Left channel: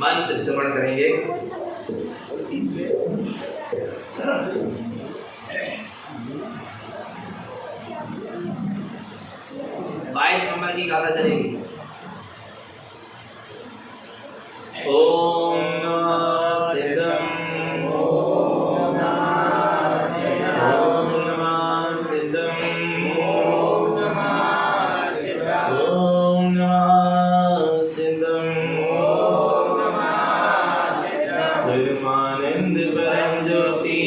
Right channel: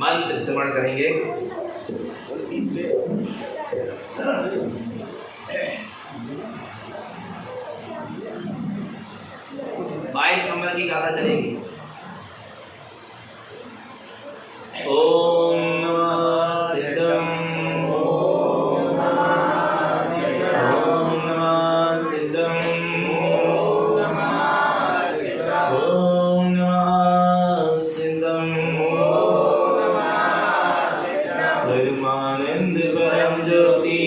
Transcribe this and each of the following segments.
मंत्र श्रवण करेंगे। 22 नंबर की गाथा चलेगी। ओम सिद्धम ओम नमः सिद्धम ओम नमः सिद्धम ओम नमः सिद्धम ओम नमः सिद्धम ओम नमः सिद्धम परमानंद परम ज्योति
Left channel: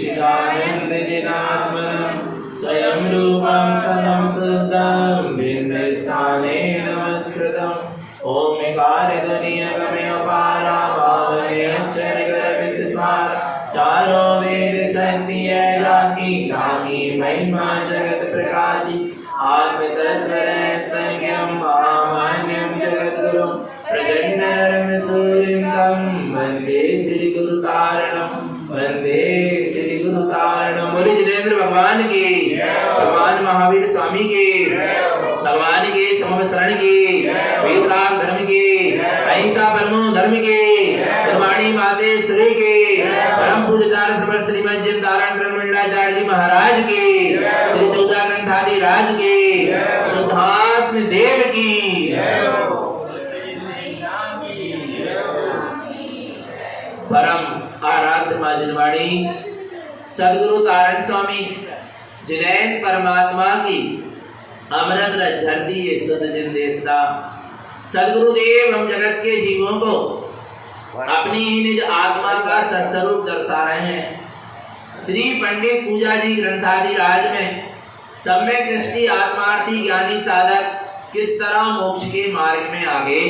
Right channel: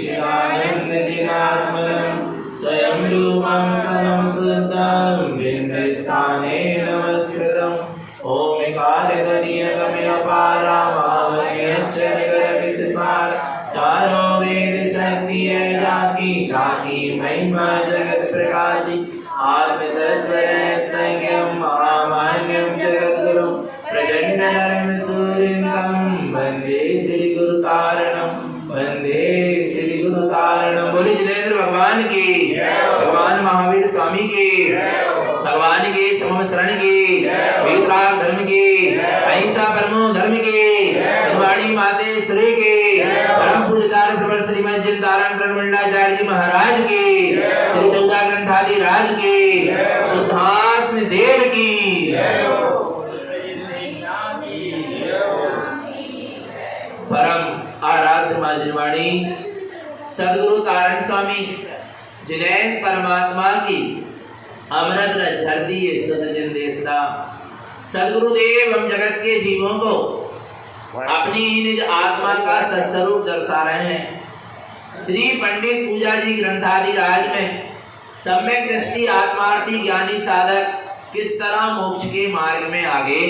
चिदानंद जिनात्मनम स्वयं रूपम सदम शुद्धम बिंदस्थाने नमस्कृतम ओमकारध्वनियगम्य पारा भावने अक्षरगर्भितसार चारों वेद शक्ति है जाकी ताकी महिमा जगत प्रकाशी आत्म तत्व संज्ञम महामान्यम जगद्गुरुम प्रचंडं सूर्यं वंदे श्री गुरु तारणम वंदे श्री गुरु तारणम। बोले जिनेंद्र भगवान की, भगवान महावीर स्वामी की, भगवान की समवसरण की, वेदराग धर्म की, अहिंसा परमो धर्म की, निर्वाणी माते श्री की, परम पूज्यकार प्रवर श्रीमद जिन तारण ब्रह्मंडाचार्य जी महाराज की, श्री चौदा ग्रंथादि राज की, शुद्धात्म देव की। परम आराध्य मां जिनवाणी सद्गुरु तारण स्वामी जिनैन परमात्मा की अमृत रस झरती ये सुध जिन देशदा सद्गुरुदेव हम जगत के जीवों को अपनी निज आत्मा का सत्स्वरूप दर्शा रहे हैं। श्री पंडित पूजा जी ग्रंथादि राज में सम्यक दृष्टि आत्मार्थी ज्ञानी साधक किस तरह मोक्ष के मार्ग में आगे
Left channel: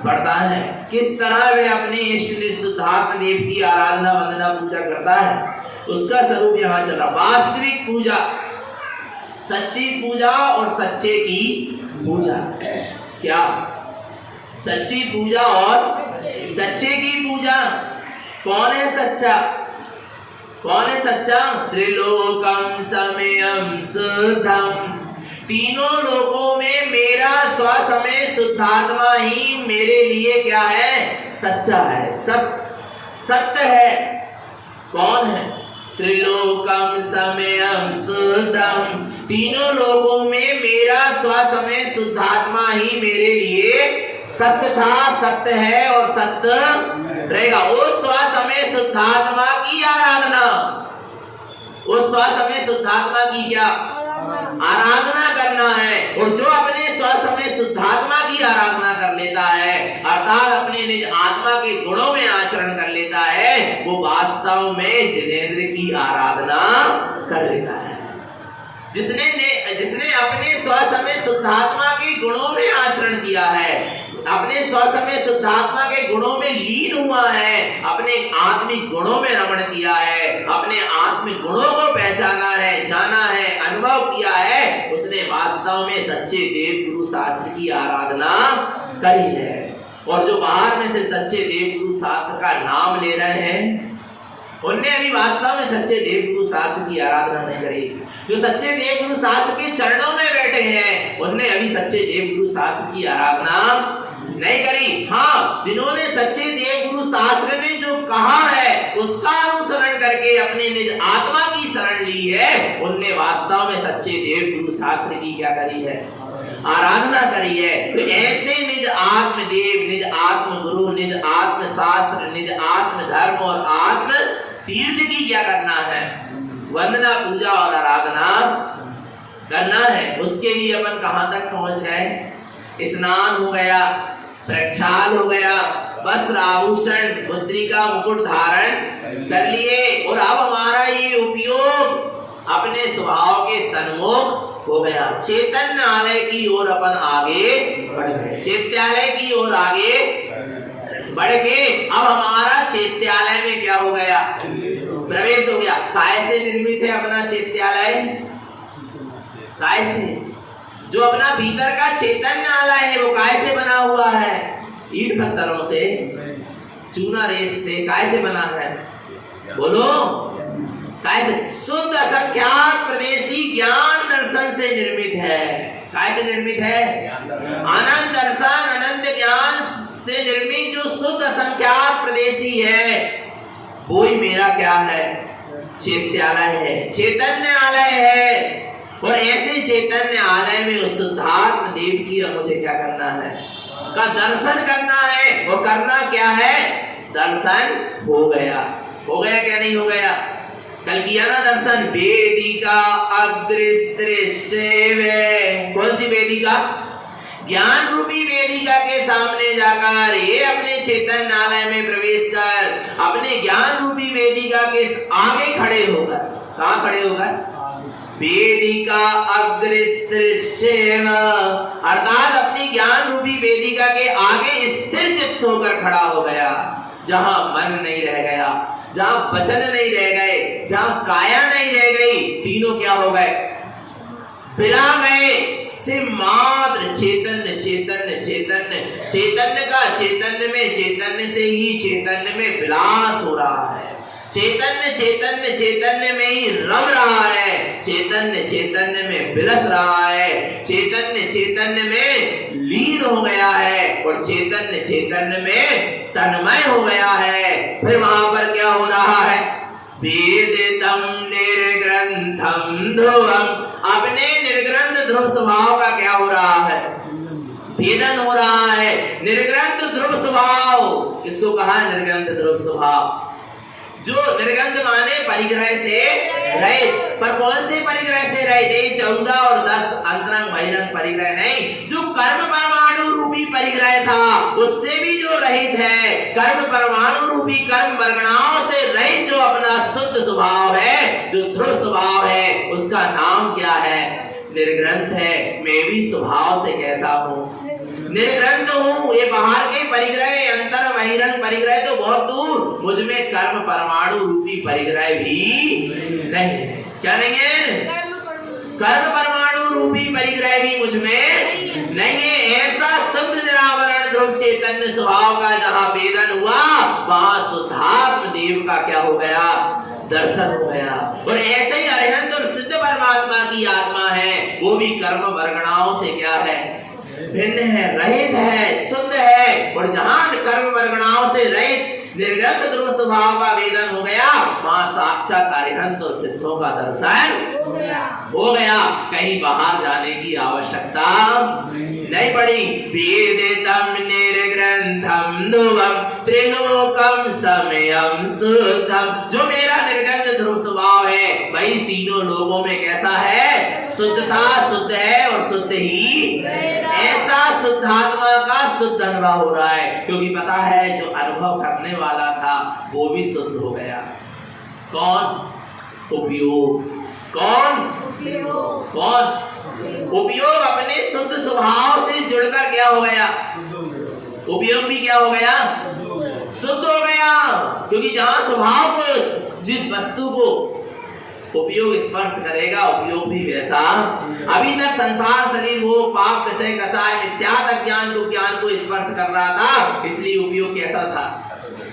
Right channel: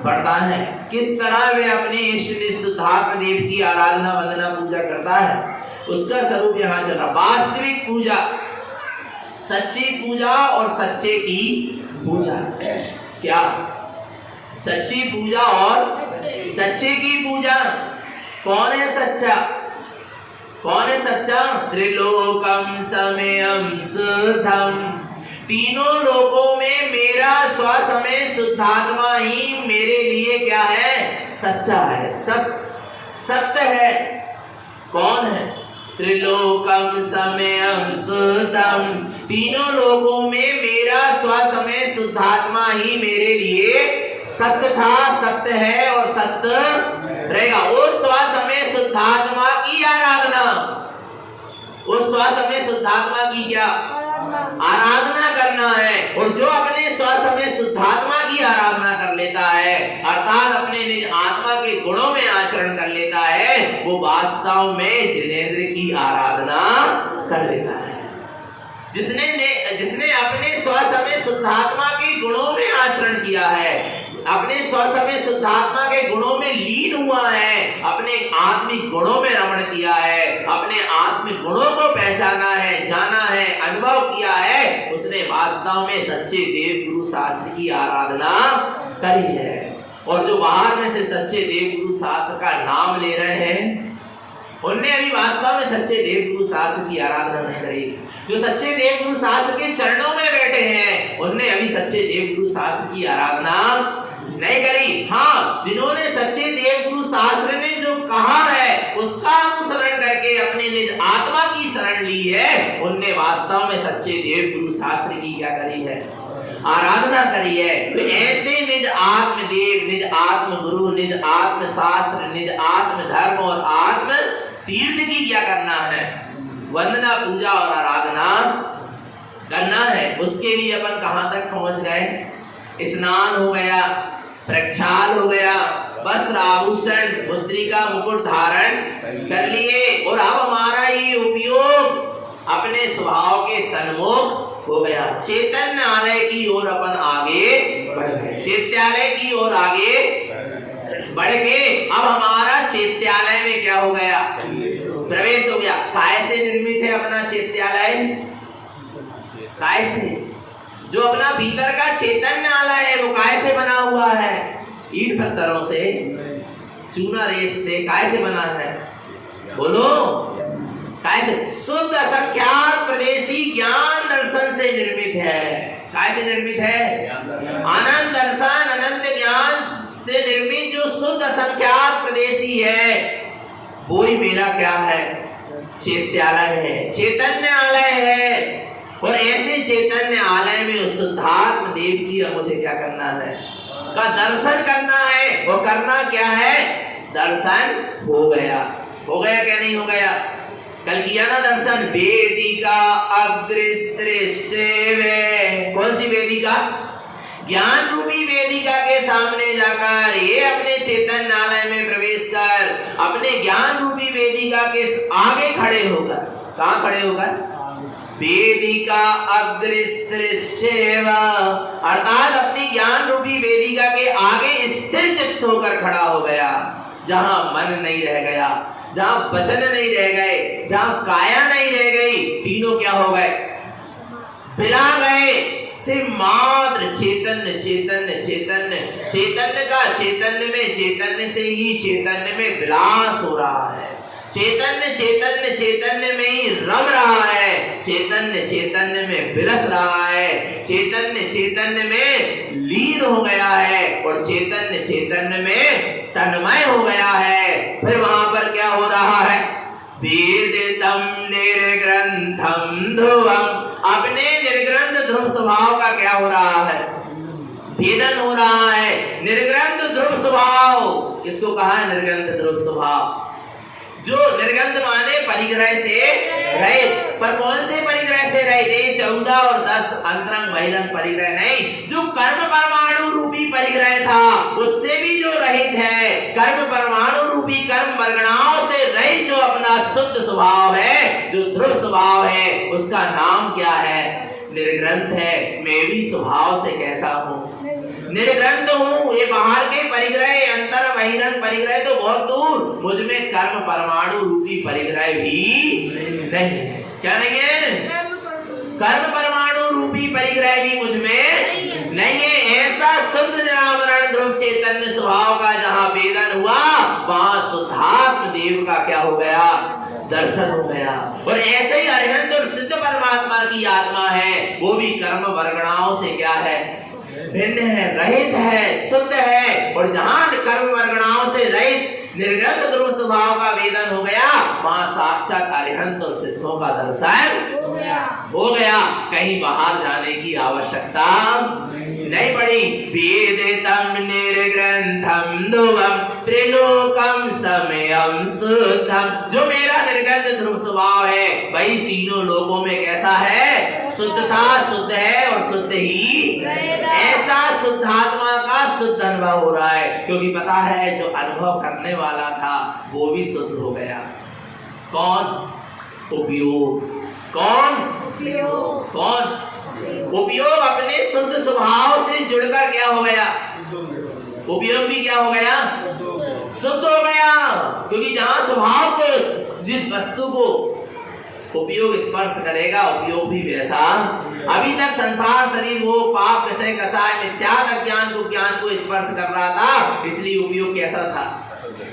बढ़ता है, किस तरह वे अपने इष्ट शुद्धात्म देव की आराधना वंदना पूजा करता है, उसका स्वरूप यहाँ चला। वास्तविक पूजा, सच्ची पूजा और सच्चे की पूजा। क्या सच्ची पूजा और सच्चे की पूजा? कौन है सच्चा? कौन है सच्चा? त्रिलोकम समयम शुद्धम, तीनों लोकों में मेरा स्वसमय शुद्धात्मा ही मेरे लिए क्या है? सच्चा है, सत्य है। कौन है? त्रिलोकम समयम शुद्धम, तीनों लोकों में मेरा स्वसमय शुद्धात्मा ही मेरे लिए सत्य था, सत्य है और सत्य रहेगा। उस स्वसमय शुद्धात्मा की आराधना, उस स्वसमय शुद्धात्मा की क्या आराधना करना है। और जो अपने स्वसमय शुद्धात्मा की आराधना कर लेता है, अर्थात अपने निज आत्मा के गुणों में आचरण कर लेता है, वो वास्तव में जिनेंद्र की आराधना कर लेता है। जिसने अपने स्वसमय शुद्धात्मा के गुणों में आचरण किया है, अपने स्वसमय शुद्धात्मा के गुणों में लीन हुआ है, अपने आत्मिक गुणों में रमण किया है, अपने आत्मिक गुणों को पहचाना है, जाना है, अनुभव किया है, उसने वास्तव में सच्चे देव गुरु शास्त्र की आराधना करी है। और जो बाहर में से सच्चे देव गुरु शास्त्र का नाम ले रहे हैं, उनने अभी वास्तव में सच्चे देव गुरु शास्त्र की आराधना नहीं करी। जो सच्चे देव गुरु शास्त्र के चरणों में बैठे हैं, उनने अभी सच्चे देव गुरु शास्त्र की आराधना नहीं करी। हाँ, जिन्होंने सच्चे देव गुरु शास्त्र ने जो कहा है उसका अनुसरण करके अपने निज आत्मा की शरण ली है, उनने वास्तव में सच्चे देव गुरु शास्त्र की क्या करी है? आराधना करी है। तो ऐसे निज आत्म देव, निज आत्म गुरु, निज आत्म शास्त्र, निज आत्म धर्म और आत्म तीर्थ की क्या करना है? वंदना पूजा और आराधना करना है। उसके लिए अपन कहां तक पहुंच गए? स्नान हो गया, प्रक्षाल हो गया, वस्त्र आभूषण मुद्रिका मुकुट धारण कर लिए, और अब हमारा ये उपयोग अपने स्वभाव के सन्मुख हो गया। चैतन्यालय की ओर अपन आगे बढ़ गए, चैत्यालय की ओर आगे बढ़ के अब हमारा चैत्यालय में क्या हो गया? प्रवेश हो गया। काय से निर्मित है अपना चैत्यालय? काय से? जो अपना भीतर का चैतन्यालय है वो काय से बना हुआ है? ईंट पत्थरों से, चूना रेत से। काय से बना है? बोलो। काय से? शुद्ध असंख्यात प्रदेशी ज्ञान दर्शन से निर्मित है। काय से निर्मित है? अनंत दर्शन, अनंत ज्ञान से निर्मित जो शुद्ध असंख्यात प्रदेशी है, वो ही मेरा क्या है? चैत्यालय है, चैतन्यालय है। और ऐसे चैतन्य आलय में उस शुद्धात्म देव की मुझे क्या करना है? का दर्शन करना है। और करना क्या है? दर्शन हो गया। हो गया क्या नहीं हो गया? कल किया ना दर्शन। वेदिका अग्रदृश्य, कौन सी वेदिका? ज्ञान रूपी वेदिका के सामने जाकर ये अपने चैतन्यालय में प्रवेश कर अपने ज्ञान रूपी वेदिका के आगे खड़े होकर, कहां खड़े होकर? वेदिका अग्रदृश्य, अर्थात अपनी ज्ञान रूपी वेदिका के आगे स्थिर चित्त होकर खड़ा हो गया। जहां मन नहीं रह गया, जहां वचन नहीं रह गए, जहां काया नहीं रह गई, तीनों क्या हो गए? बिला गए। सिर्फ मात्र चैतन्य, चैतन्य, चैतन्य, चैतन्य का चैतन्य में, चैतन्य से ही चैतन्य में विलास हो रहा है। चैतन्य चैतन्य चैतन्य में ही रम रहा है। चैतन्य चैतन्य में विलस रहा है। चैतन्य चैतन्य में लीन हो गया है और चैतन्य चैतन्य में तन्मय हो गया है। फिर वहां पर क्या हो रहा है? वेदितम निर्ग्रंथम ध्रुवम, अपने निर्ग्रंथ ध्रुव स्वभाव का क्या हो रहा है? भेदन हो रहा है। निर्ग्रंथ ध्रुव स्वभाव किसको कहा है? निर्ग्रंथ ध्रुव स्वभाव। जो निर्गंध माने परिग्रह से रहित, पर कौन से परिग्रह से रहित? 14 और 10 अंतरंग बहिरंग परिग्रह नहीं, जो कर्म परमाणु रूपी परिग्रह था उससे भी जो रहित है। कर्म परमाणु रूपी कर्म वर्गणाओं से रहित जो अपना शुद्ध स्वभाव है, जो ध्रुव स्वभाव है, उसका नाम क्या है? निर्ग्रंथ है। मैं भी स्वभाव से कैसा हूँ? निर्ग्रंथ हूँ। ये बाहर के परिग्रह, अंतर बहिरंग परिग्रह तो बहुत दूर, मुझ में कर्म परमाणु रूपी परिग्रह भी नहीं है। क्या नहीं है? कर्म परमाणु रूपी परिग्रह भी मुझ में नहीं है। ऐसा शुद्ध निरावरण ध्रुव चैतन्य स्वभाव का जहाँ वेदन हुआ, वहां शुद्धात्म देव का क्या हो गया? दर्शन हो गया। और ऐसे ही अरिहंत और सिद्ध परमात्मा की आत्मा है, वो भी कर्म वर्गणाओं से क्या है? भिन्न है, रहित है, शुद्ध है। और जहां कर्म वर्गणाओं से रहित निर्गत ध्रुव स्वभाव का वेदन हो गया, वहां साक्षात अरिहंत और सिद्धों का दर्शन हो गया। कहीं बाहर जाने की आवश्यकता नहीं पड़ी। वेदितम निर्ग्रंथम ध्रुवम त्रिलोकम समयम शुद्धम, जो मेरा निर्गत ध्रुव स्वभाव है वही तीनों लोगों में कैसा है? शुद्ध था, शुद्ध है और शुद्ध ही। ऐसा शुद्धात्मा का शुद्ध अनुभव हो रहा है, क्योंकि पता है जो अनुभव करने वाला था वो भी शुद्ध हो गया। कौन? उपयोग। कौन? कौन? उपयोग अपने शुद्ध स्वभाव से जुड़कर क्या हो गया? उपयोग भी क्या हो गया? शुद्ध हो गया। क्योंकि जहां स्वभाव को, जिस वस्तु को उपयोग स्पर्श करेगा, उपयोग भी वैसा। अभी तक संसार शरीर वो पाप विषय कसाय मिथ्यात्व अज्ञान को स्पर्श कर रहा था, इसलिए उपयोग कैसा था?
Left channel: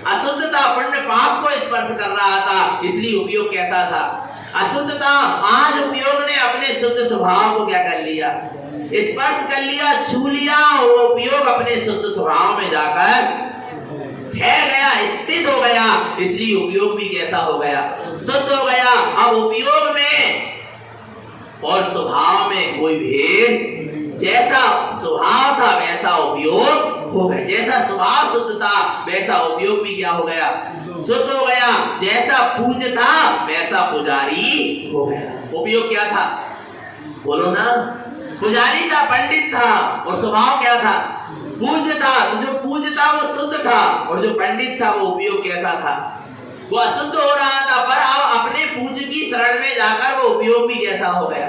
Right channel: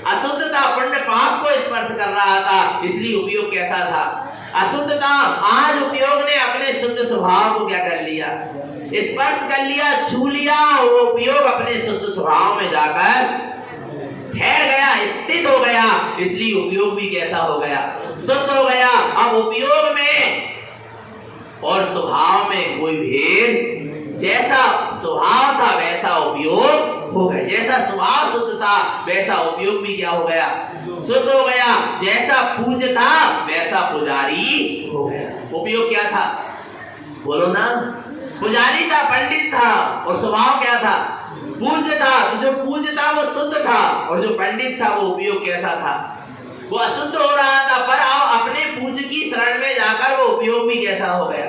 अशुद्धता पुण्य पाप को स्पर्श कर रहा था, इसलिए उपयोग कैसा था? अशुद्धता। आज उपयोग ने अपने शुद्ध स्वभाव को क्या कर लिया? स्पर्श कर लिया, छू लिया। वो उपयोग अपने शुद्ध स्वभाव में जाकर ठहर गया, स्थित हो गया, इसलिए उपयोग भी कैसा हो गया? शुद्ध हो गया। अब उपयोग में और स्वभाव में कोई भेद, जैसा स्वभाव था वैसा उपयोग हो गया। जैसा स्वभाव शुद्ध था वैसा उपयोग भी क्या हो गया? शुद्ध हो गया। जैसा पूज्य था वैसा पुजारी हो गया। उपयोग क्या था? बोलो ना। पुजारी था, पंडित था, और स्वभाव क्या था? पूज्य था। तो जो पूज्य था वो शुद्ध था, और जो पंडित था वो उपयोग कैसा था? वो अशुद्ध हो रहा था। पर अब अपने पूज्य की शरण में जाकर वो उपयोग भी कैसा हो गया?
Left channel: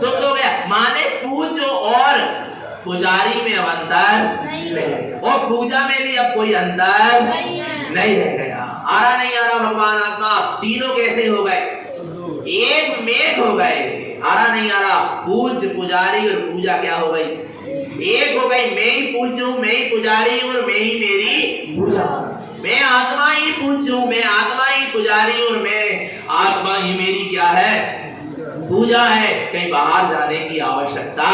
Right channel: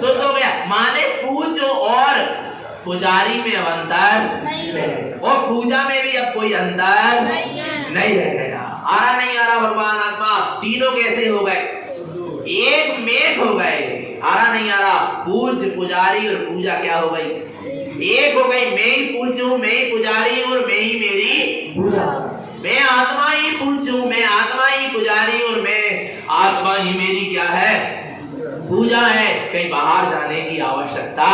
शुद्ध हो गया। माने पूज्य और पुजारी में अब अंतर नहीं, और पूजा में भी अब कोई अंतर नहीं रह गया। आ रहा नहीं आ रहा? भगवान आत्मा तीनों कैसे हो गए? एक मेघ हो गए। आ रहा नहीं आ रहा? पूज्य पुजारी और पूजा क्या हो गई? एक हो गई। मैं ही पूज्य हूँ, मैं ही पुजारी हूँ, और मैं ही मेरी पूजा। मैं आत्मा ही पूज्य हूँ, मैं आत्मा ही पुजारी हूँ, और मैं आत्मा ही मेरी क्या है? पूजा है, कहीं बाहर जाने की आवश्यकता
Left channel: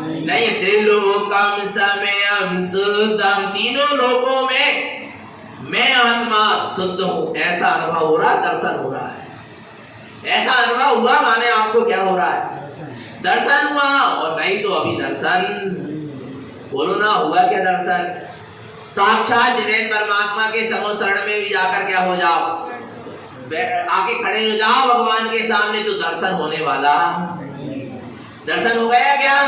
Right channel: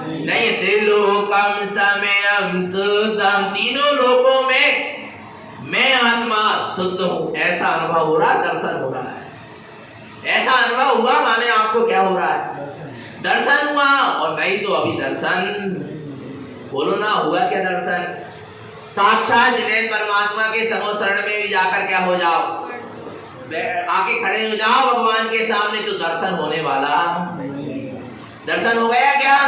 नहीं। त्रिलोकम समयम शुद्धम, तीनों लोकों में मैं आत्मा शुद्ध हूं, ऐसा अनुभव हो रहा है, दर्शन हो रहा है। ऐसा अनुभव हुआ माने आपको क्या हो रहा है? दर्शन हुआ। और नहीं तो अभी दर्शन, बोलो ना, हुआ क्या दर्शन? साक्षात जिनेन परमात्मा के समोशरण में भी जाकर क्या हो जाओ, आके खड़े हो जाओ भगवान के सामने, तो दर्शन होने वाला। दर्शन हो गया क्या?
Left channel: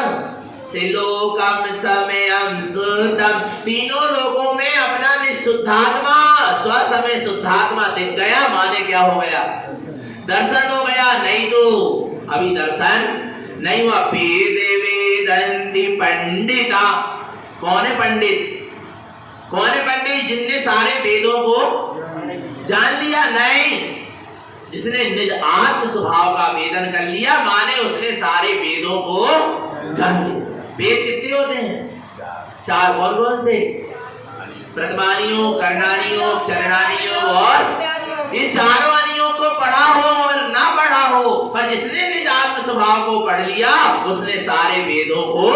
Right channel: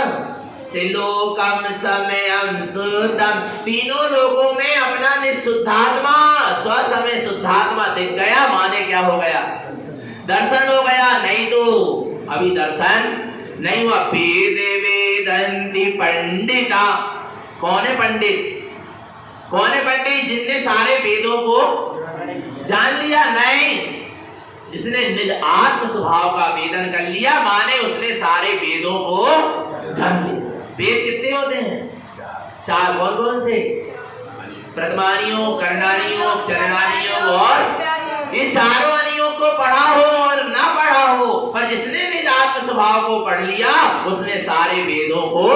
त्रिलोकम समयम शुद्धम, तीनों लोगों में अपना निशुद्धात्मा, स्वसमय शुद्धात्मा दिख गया माने क्या हो गया? दर्शन हो गया। नहीं तो अभी दर्शन नहीं हुआ। वेदे वेदन्ति पंडिता, कौन है पंडित? कौन है पंडित? जिनने सारे वेदों को जान लिया। नहीं, जिसने निज आत्म स्वभाव का वेदन कर लिया माने उसने सारे वेदों को जान लिया। वेद कितने होते हैं? चार। कौन कौन से? प्रथमानियों, करणानियों, चरणानियों और ये चारों अनियों को पढ़ा हो और ना पढ़ा हो, पर जिसने निज आत्म स्वभाव को पढ़ लिया उसने सारे वेदों को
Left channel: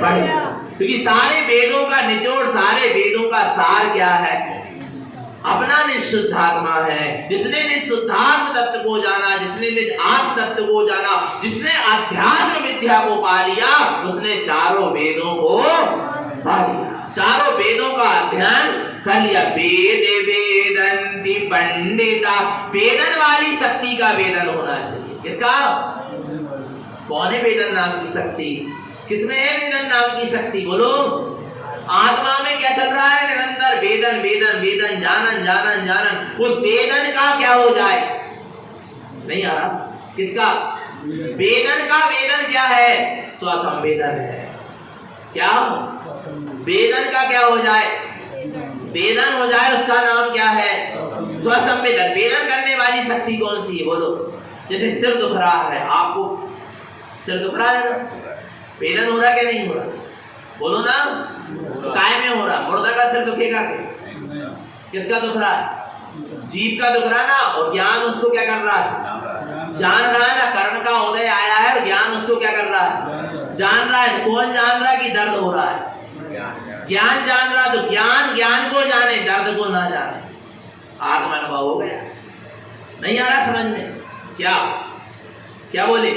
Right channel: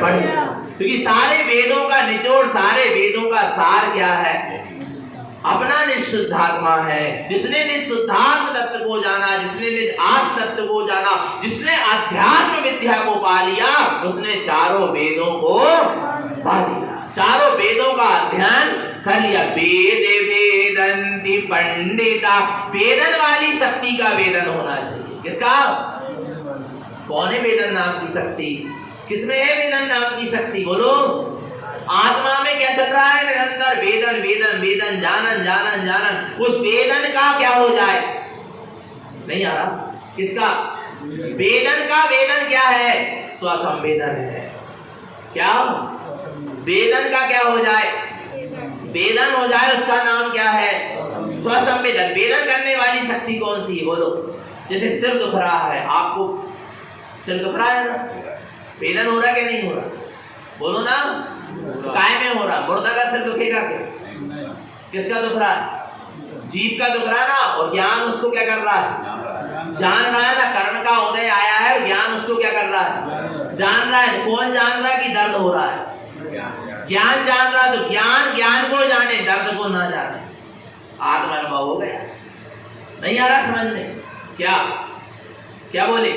पढ़ लिया। क्योंकि सारे वेदों का निचोड़, सारे वेदों का सार क्या है? अपना निशुद्धात्मा है। जिसने निशुद्धात्म तत्व को जाना, जिसने निज आत्म तत्व को जाना, जिसने अध्यात्म विद्या को पा लिया, उसने चारों वेदों को पा लिया, चारों वेदों का अध्ययन कर लिया। वेदे वेदन्ति पंडिता, वेदन वाली शक्ति का वेदन होना चाहिए। किसका? कौन है वेदन नाम की शक्ति? किसमें है वेदन नाम की शक्ति? बोलो। आत्मा में क्या चल रहा है? निरंतर वेदन वेदन वेदन, जानन जानन जानन। उस वेदन का क्या हो जाए? नहीं आ रहा। किसका? वेदन का वेदन क्या है? स्वसंवेदन है। क्या? वेदन का क्या हो जाए? वेदन हो जाए, उसका नाम क्या है? स्वसंवेदन। वेदन करने वाली शक्ति कौन सी है? बोलो। जैसे सिर दुख रहा है, आपको सिर दुख रहा है ना, वेदन हो रहा है क्या नहीं हो रहा? बोलो ना। काय में हो रहा? मुर्दा का सिर दुखेगा क्या? किसका दुख रहा है? जीव का दुख रहा है ना। और ज्ञान उसको क्या कर रहा है? जान रहा है ना। कर्ण का उदय आया है और ज्ञान उसको क्या कर रहा है? जान रहा है। कौन जान रहा है कि दर्द हो रहा है? ज्ञान जान रहा है। तो ज्ञान ज्ञान को जाने, दर्द को ना जाने। आत्मा अनुभव हो गया। नहीं आ रहा समझ में? क्या क्या बोले?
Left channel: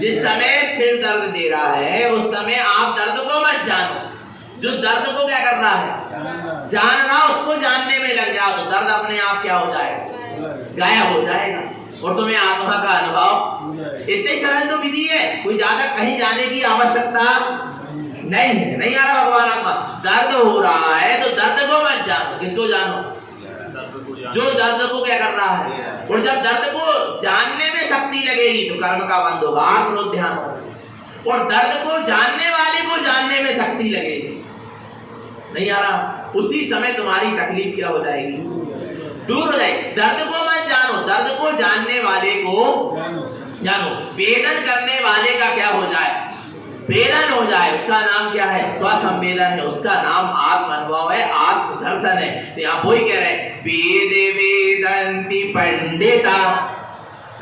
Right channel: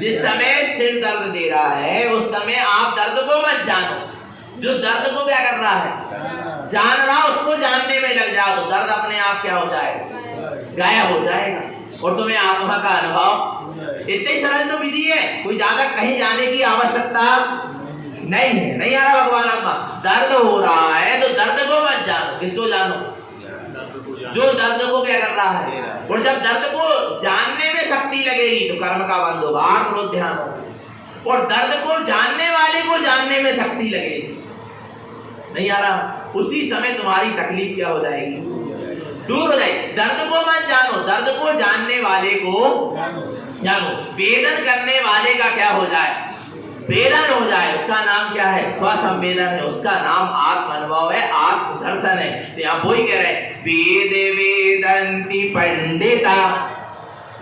जिस समय सिर दर्द दे रहा है उस समय आप दर्द को मत जानो। जो दर्द को क्या कर रहा है? जान रहा, उसको जानने में लग जाओ तो दर्द अपने आप क्या हो जाएगा? गायब हो जाएगा। और तुम्हें आत्मा का अनुभव। इतनी सरल तो विधि है, कोई ज्यादा कहीं जाने की आवश्यकता नहीं है। नहीं आ रहा भगवान आत्मा? दर्द हो रहा है तो दर्द को मत जानो। किसको जानो? जो दर्द को क्या कर रहा है। और जब दर्द को जानने में शक्ति लगेगी तो कर्म का बंद होगा, करो ध्यान। और दर्द को जानने वाले को जानने में शक्ति लगेगी। नहीं आ रहा? उसी समय तुम्हारी तकलीफ क्या हो जाएगी? दूर हो जाएगी। दर्द को मत जानो, दर्द को जानने वाले को जानो। वेदन करने वाले का क्या हो जाए? वेदन हो जाए। उसका नाम क्या है? स्वसंवेदन है। उसका नाम आत्म अनुभव है, आत्म दर्शन है। तो यहाँ वही कह रहे हैं, वेदे वेदन्ति पंडिता।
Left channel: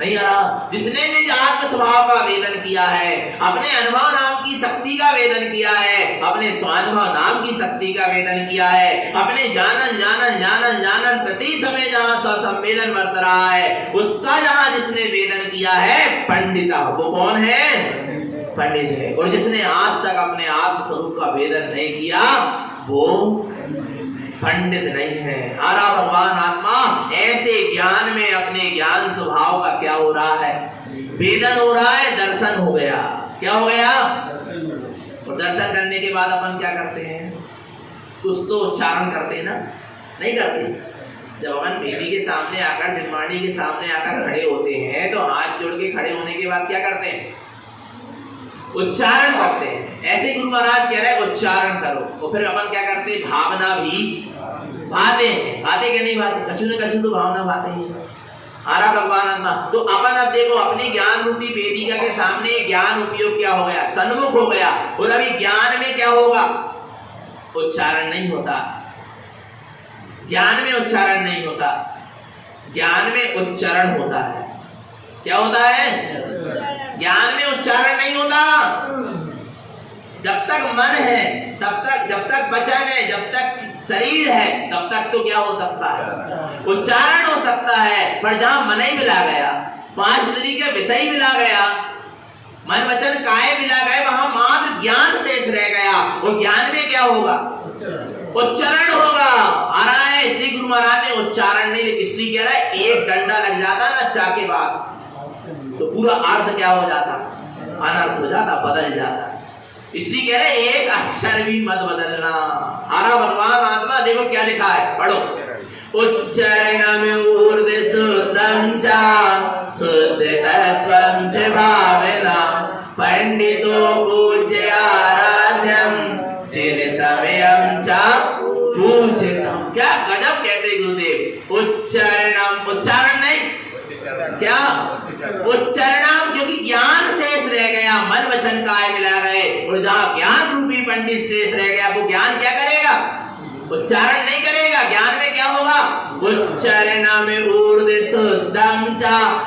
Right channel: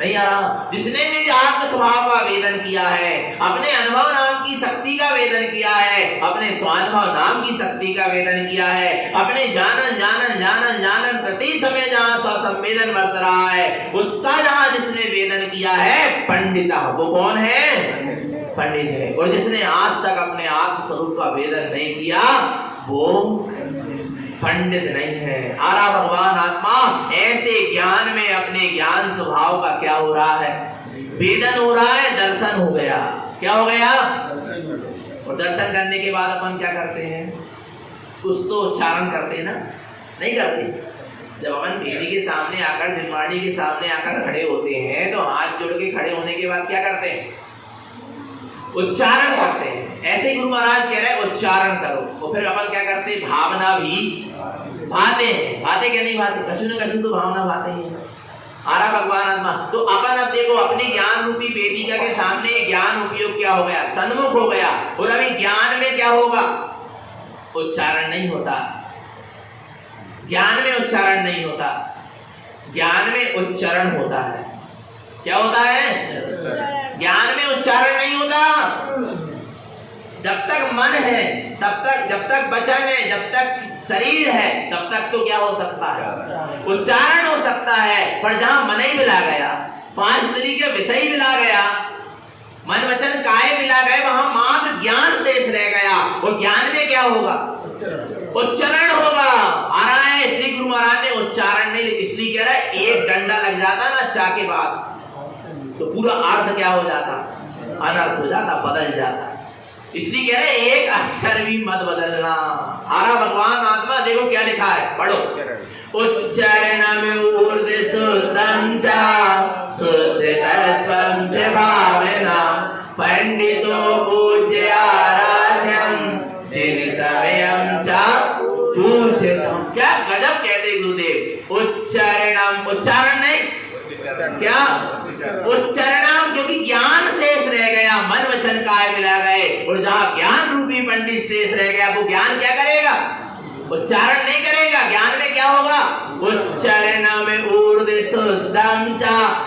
नहीं आ रहा? जिसने निज आत्म स्वभाव का वेदन किया है, अपने अनुभव नाम की शक्ति का वेदन किया है, अपने स्वानुभव नाम की शक्ति का वेदन किया है, अपने जानन जानन जानन जानन प्रति समय जहाँ स्वसंवेदन बरत रहा है, उसका जहाँ जिसने वेदन किया है पंडिता, वो कौन है? पंडित है। और जिसने आज तक अपने आत्म स्वरूप का वेदन नहीं किया वो पंडित नहीं है। आरा भगवान आत्मा ऐसे ज्ञान में अपने ज्ञान स्वभाव का क्या हो रहा है? वेदन हो रहा है, दर्शन हो गया। क्या हो गया? और दर्शन करने के बाद अपन क्या करते हैं? कुछ तो उच्चारण करते हैं ना? नहीं करते? जब अपन देवी के सामने आकर, जिनवाणी के सामने आकर खड़े होते हैं तो हाथ जोड़ के खड़े होने के बाद क्या करते हैं? उच्चारण करते हैं। ऐसे गुरु महाराज कह रहे हैं उच्चारण करो। तो फिर अपन क्या करते हैं? भावना भी भाते हैं। भाते क्या नहीं भाते? कछु न कछु तो भावना भाते हैं। आरा भगवान आत्मा। तो अपन अब देखो अपनी ज्ञान रूपी वेदिका के सामने ज्ञान उपयोग क्या हो गया? सन्मुख हो गया। और अभी ज्ञान में क्या होगा? उच्चारण नहीं होता। ज्ञान में उच्चारण नहीं होता, ज्ञान में उच्चारण होता है। क्या होता है? ज्ञान में उच्चारण नहीं होता। जब तक मन है तब तक, जब तक वचन है, जब तक शरीर है, तब तक तो क्या हो सकता है, उच्चारण हो सकता है। पर जहां मन ही मिला गया, पांच इंद्रिय के विषय मिला गया, मन वचन काय मिला गए, वहां मात्र ज्ञान शेष रह गया। और ज्ञान में क्या होगा, उच्चारण होगा। आ रहा है, इसलिए गुरु महाराज ने उच्चारण नहीं, इसलिए कह रहा है एक डंडा लग जाता ना चा के बाद तो पूरा अर्थ क्या हो जाता, अनर्थ हो जाता, बदल जाता। इसलिए कह रहे एक अक्षर भी मत बदलना। हरा भगवान आत्मा, देखो क्या लिखा है, पढ़ो। उच्चारण में ऊर्ध्व शुद्धं च शुद्ध तत्त्वं च भावना पंडितो पूज्य आराध्यं जिन समयं च पूज्यताम्। क्या गजब कहते गुरुदेव। उच्चारण, उच्चारण नहीं, क्या उच्चारण, क्योंकि ज्ञान शेष रह गया, मन वचन काय मिला रहे। और जहां ज्ञान रूपी पंडित शेष रह गया, वो ज्ञान क्या करेगा, उच्चारण नहीं करेगा। ज्ञान में क्या होगा, उच्चारण में ऊर्ध्व शुद्धं च,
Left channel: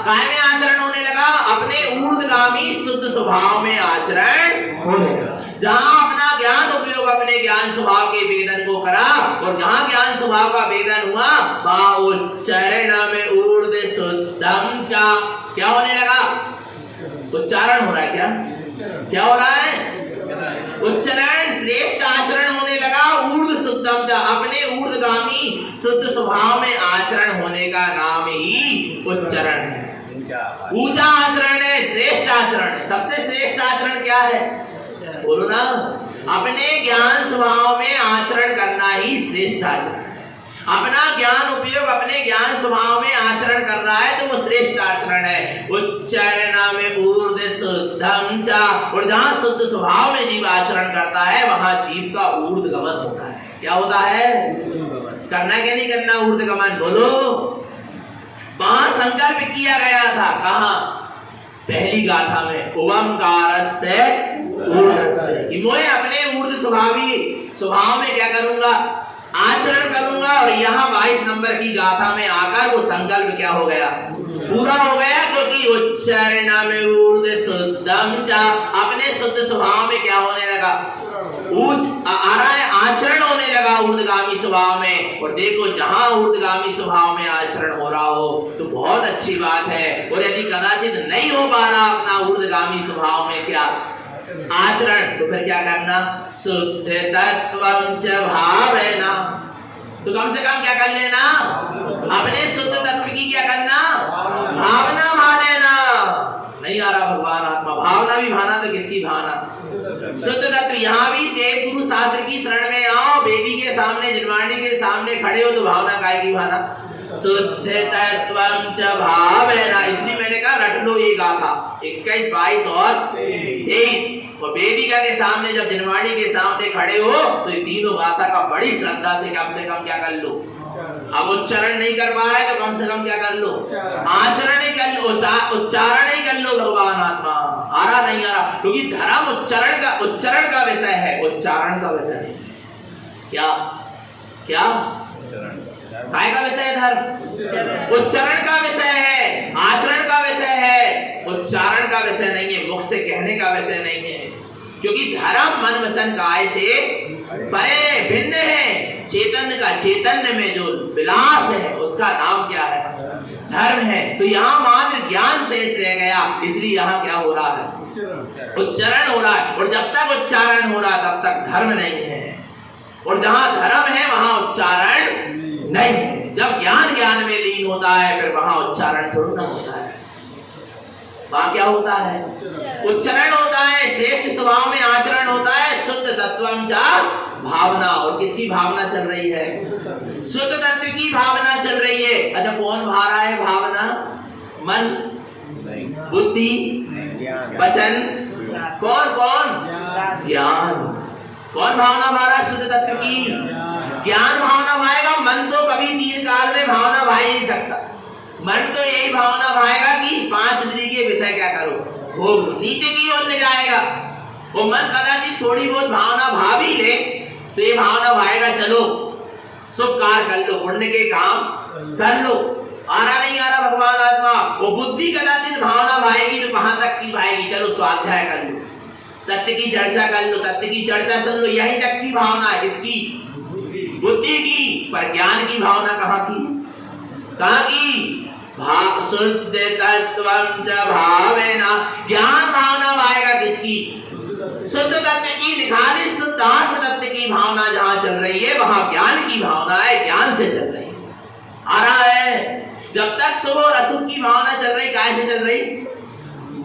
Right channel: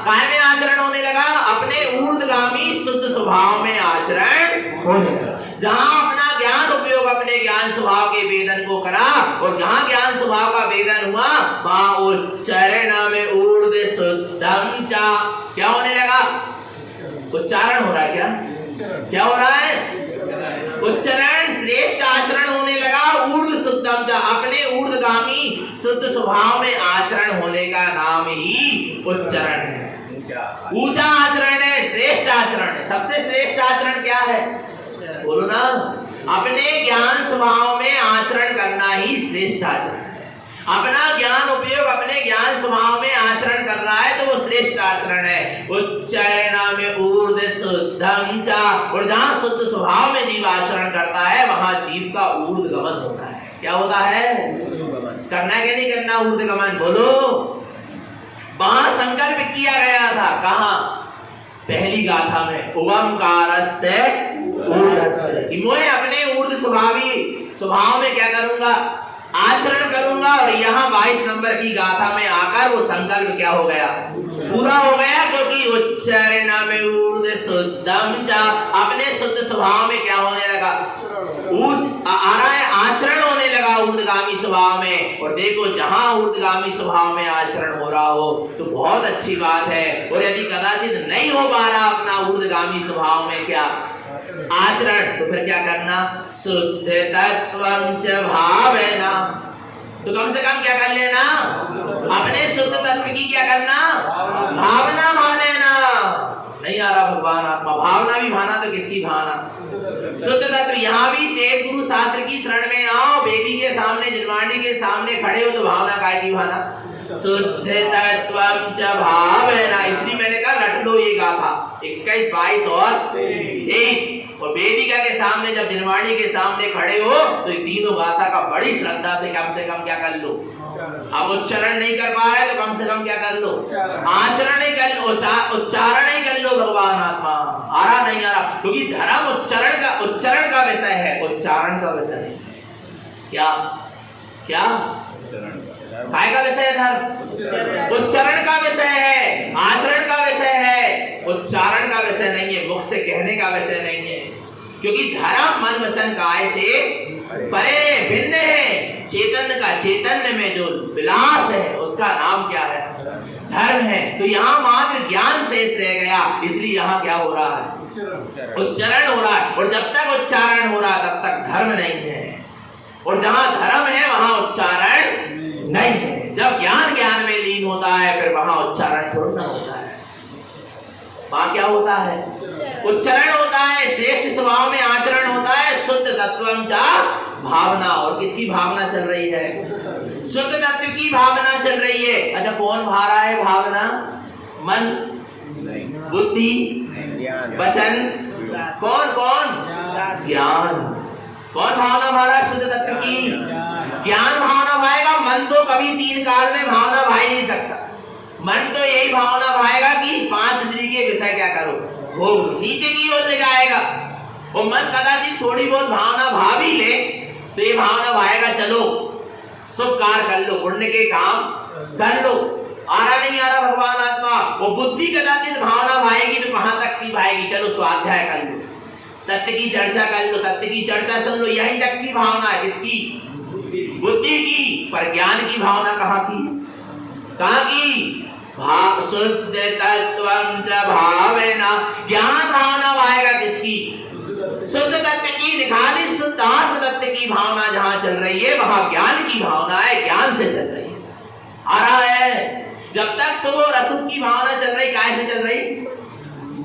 काय में आचरण होने लगा, अपने ऊर्ध्वगामी शुद्ध स्वभाव में आचरण होने लगा। जहां अपना ज्ञान उपयोग अपने ज्ञान स्वभाव के वेदन को करा, और जहां ज्ञान स्वभाव का वेदन हुआ, वहां उच्चारण में ऊर्ध्व शुद्धं च क्या होने लगा, उच्चारण हो रहा है। क्या हो रहा है, उच्चारण श्रेष्ठ आचरण होने लगा। ऊर्ध्व शुद्धं च, अपने ऊर्ध्वगामी शुद्ध स्वभाव में आचरण होने का नाम ही उच्चारण है। ऊंचा आचरण है, श्रेष्ठ आचरण है। सबसे श्रेष्ठ आचरण क्या है, बोलो ना, अपने ज्ञान स्वभाव में आचरण करना ही श्रेष्ठ आचरण है। अपना ज्ञान उपयोग अपने ज्ञान स्वभाव में आचरण कर रहा है तो वो श्रेष्ठ आचरण है। उच्चारण में ऊर्ध्व शुद्धं च, और जहां शुद्ध स्वभाव में जीव आचरण करता है, वहां जीव का ऊर्ध्वगमन होता है। क्या होता है, करना क्या नहीं करना, ऊर्ध्वगमन, बोलो। वहां संकल्प किया गया था, कहा, पहली गाथा में, ओंकारस्य ऊर्ध्वस्य, कि मैं अपने ऊर्ध्व स्वभाव में क्या करूंगा, आचरण करूंगा। और यहाँ 22 नंबर की गाथा में आकर वो संकल्प क्या हो गया, पूरा हो गया। क्योंकि उच्चारण में ऊर्ध्व शुद्धं च, अपने शुद्ध स्वभाव में क्या होने लगा, आ रहा है, आचरण होने लगा ऊर्ध्वगामी स्वभाव में। और देखो, जहां ऊर्ध्वगामी स्वभाव में आचरण हो रहा हो तो बहुत अच्छी बात है। और यदि कदाचित नहीं हो पा रहा अपना ऊर्ध्वगामी स्वभाव में क्या आचरण, तो फिर क्या करना, शुद्ध तत्त्वं च भावना, तो कम से कम क्या कर लेना, अपने शुद्ध तत्व की क्या करना, भावना मान लेना। नहीं आ रहा भगवान आत्मा, भावना भी भाना तो किसकी भावना, शुद्ध तत्व। यहाँ भी देव गुरु शास्त्र की शरण में आओ, बेबी के सामने, जिनवाणी के सामने खड़े हो तो भावना काय की भावना, शुद्ध तत्त्वं च भावना। इसलिए मैंने कहा रट लो ये गाथा 21, 22 और 23। और वेदिका के सामने, जब जिनवाणी के सामने खड़े हो तो ये तीनों गाथा का बड़ी श्रद्धा से कम क्या कर लो। अब उच्चारण नहीं कर पा रहे तो कम से कम क्या कर लो, आचरण नहीं कर लो, उच्चारण नहीं कर लो। भगवान आत्मा आ रहा नहीं आ रहा, क्योंकि धर्म उच्चारण का विषय है, उच्चारण का विषय है। क्या क्या काय का विषय है, धर्म उच्चारण का विषय है, आचरण का विषय है, उच्चारण का विषय नहीं है, मुख से कहने का विषय नहीं है। क्योंकि धर्म मन वचन काय से परे भिन्न है। चैतन्य का, चैतन्य में जो विलास है उसका नाम क्या है, धर्म है। तो यहाँ मात्र ज्ञान शेष रह गया, इसलिए यहाँ क्या हो रहा है, उच्चारण हो रहा है। और जब तक उच्चारण हो रहा तब तक धर्म नहीं है, और जहाँ धर्म है वहां उच्चारण नहीं है। जब ज्ञान में लीन होता है फिर वहां उच्चारण छोड़ना होता है। वहां क्या होता है, उच्चारण होता है, श्रेष्ठ स्वभाव में आचरण होता है, शुद्ध तत्वं च भावना। और किसकी भावना चल रही है, शुद्ध तत्व की भावना चल रही है। अच्छा, कौन भा रहा है भावना, मन, बुद्धि, वचन, कौन ज्ञान। कौन भावना भा रहा है, शुद्ध तत्व की ज्ञान भावना भाएगा। मन तो कभी 3 काल में भावना भा ही नहीं सकता। मन तो यही भावना भाएगा कि 5 इंद्रिय के विषय क्या करो, वो नीचे की ओर ले जाएगा। वो मन कदाचित थोड़ी बहुत भावना भाव ही ले तो ये भावना भाएगा, चलो शुभ कार्य कर लो, पुण्य के काम कर लो, आ रहा नहीं आ रहा भगवान आत्मा? वो बुद्धि कदाचित भावना भाएगी तो कहां तक की भाएगी? चलो स्वाध्याय कर लो, तत्व की चर्चा कर लो, तत्व की चर्चा सुन लो, यही तक की भावना है। किसकी? बुद्धि की। पर ज्ञान की भावना कहाँ की? कहाँ की? भाव शुद्ध तत्वं च भावेना। ज्ञान भावना भाएगा किसकी? शुद्ध तत्व की, निखालिस शुद्ध आत्म तत्व की भावना जहां चल रही है वहां ज्ञान की भावना है, ज्ञान से चल रही है। आ रहा है? जब तक शुभ और अशुभ की भावना चल रही, काय से चल रही?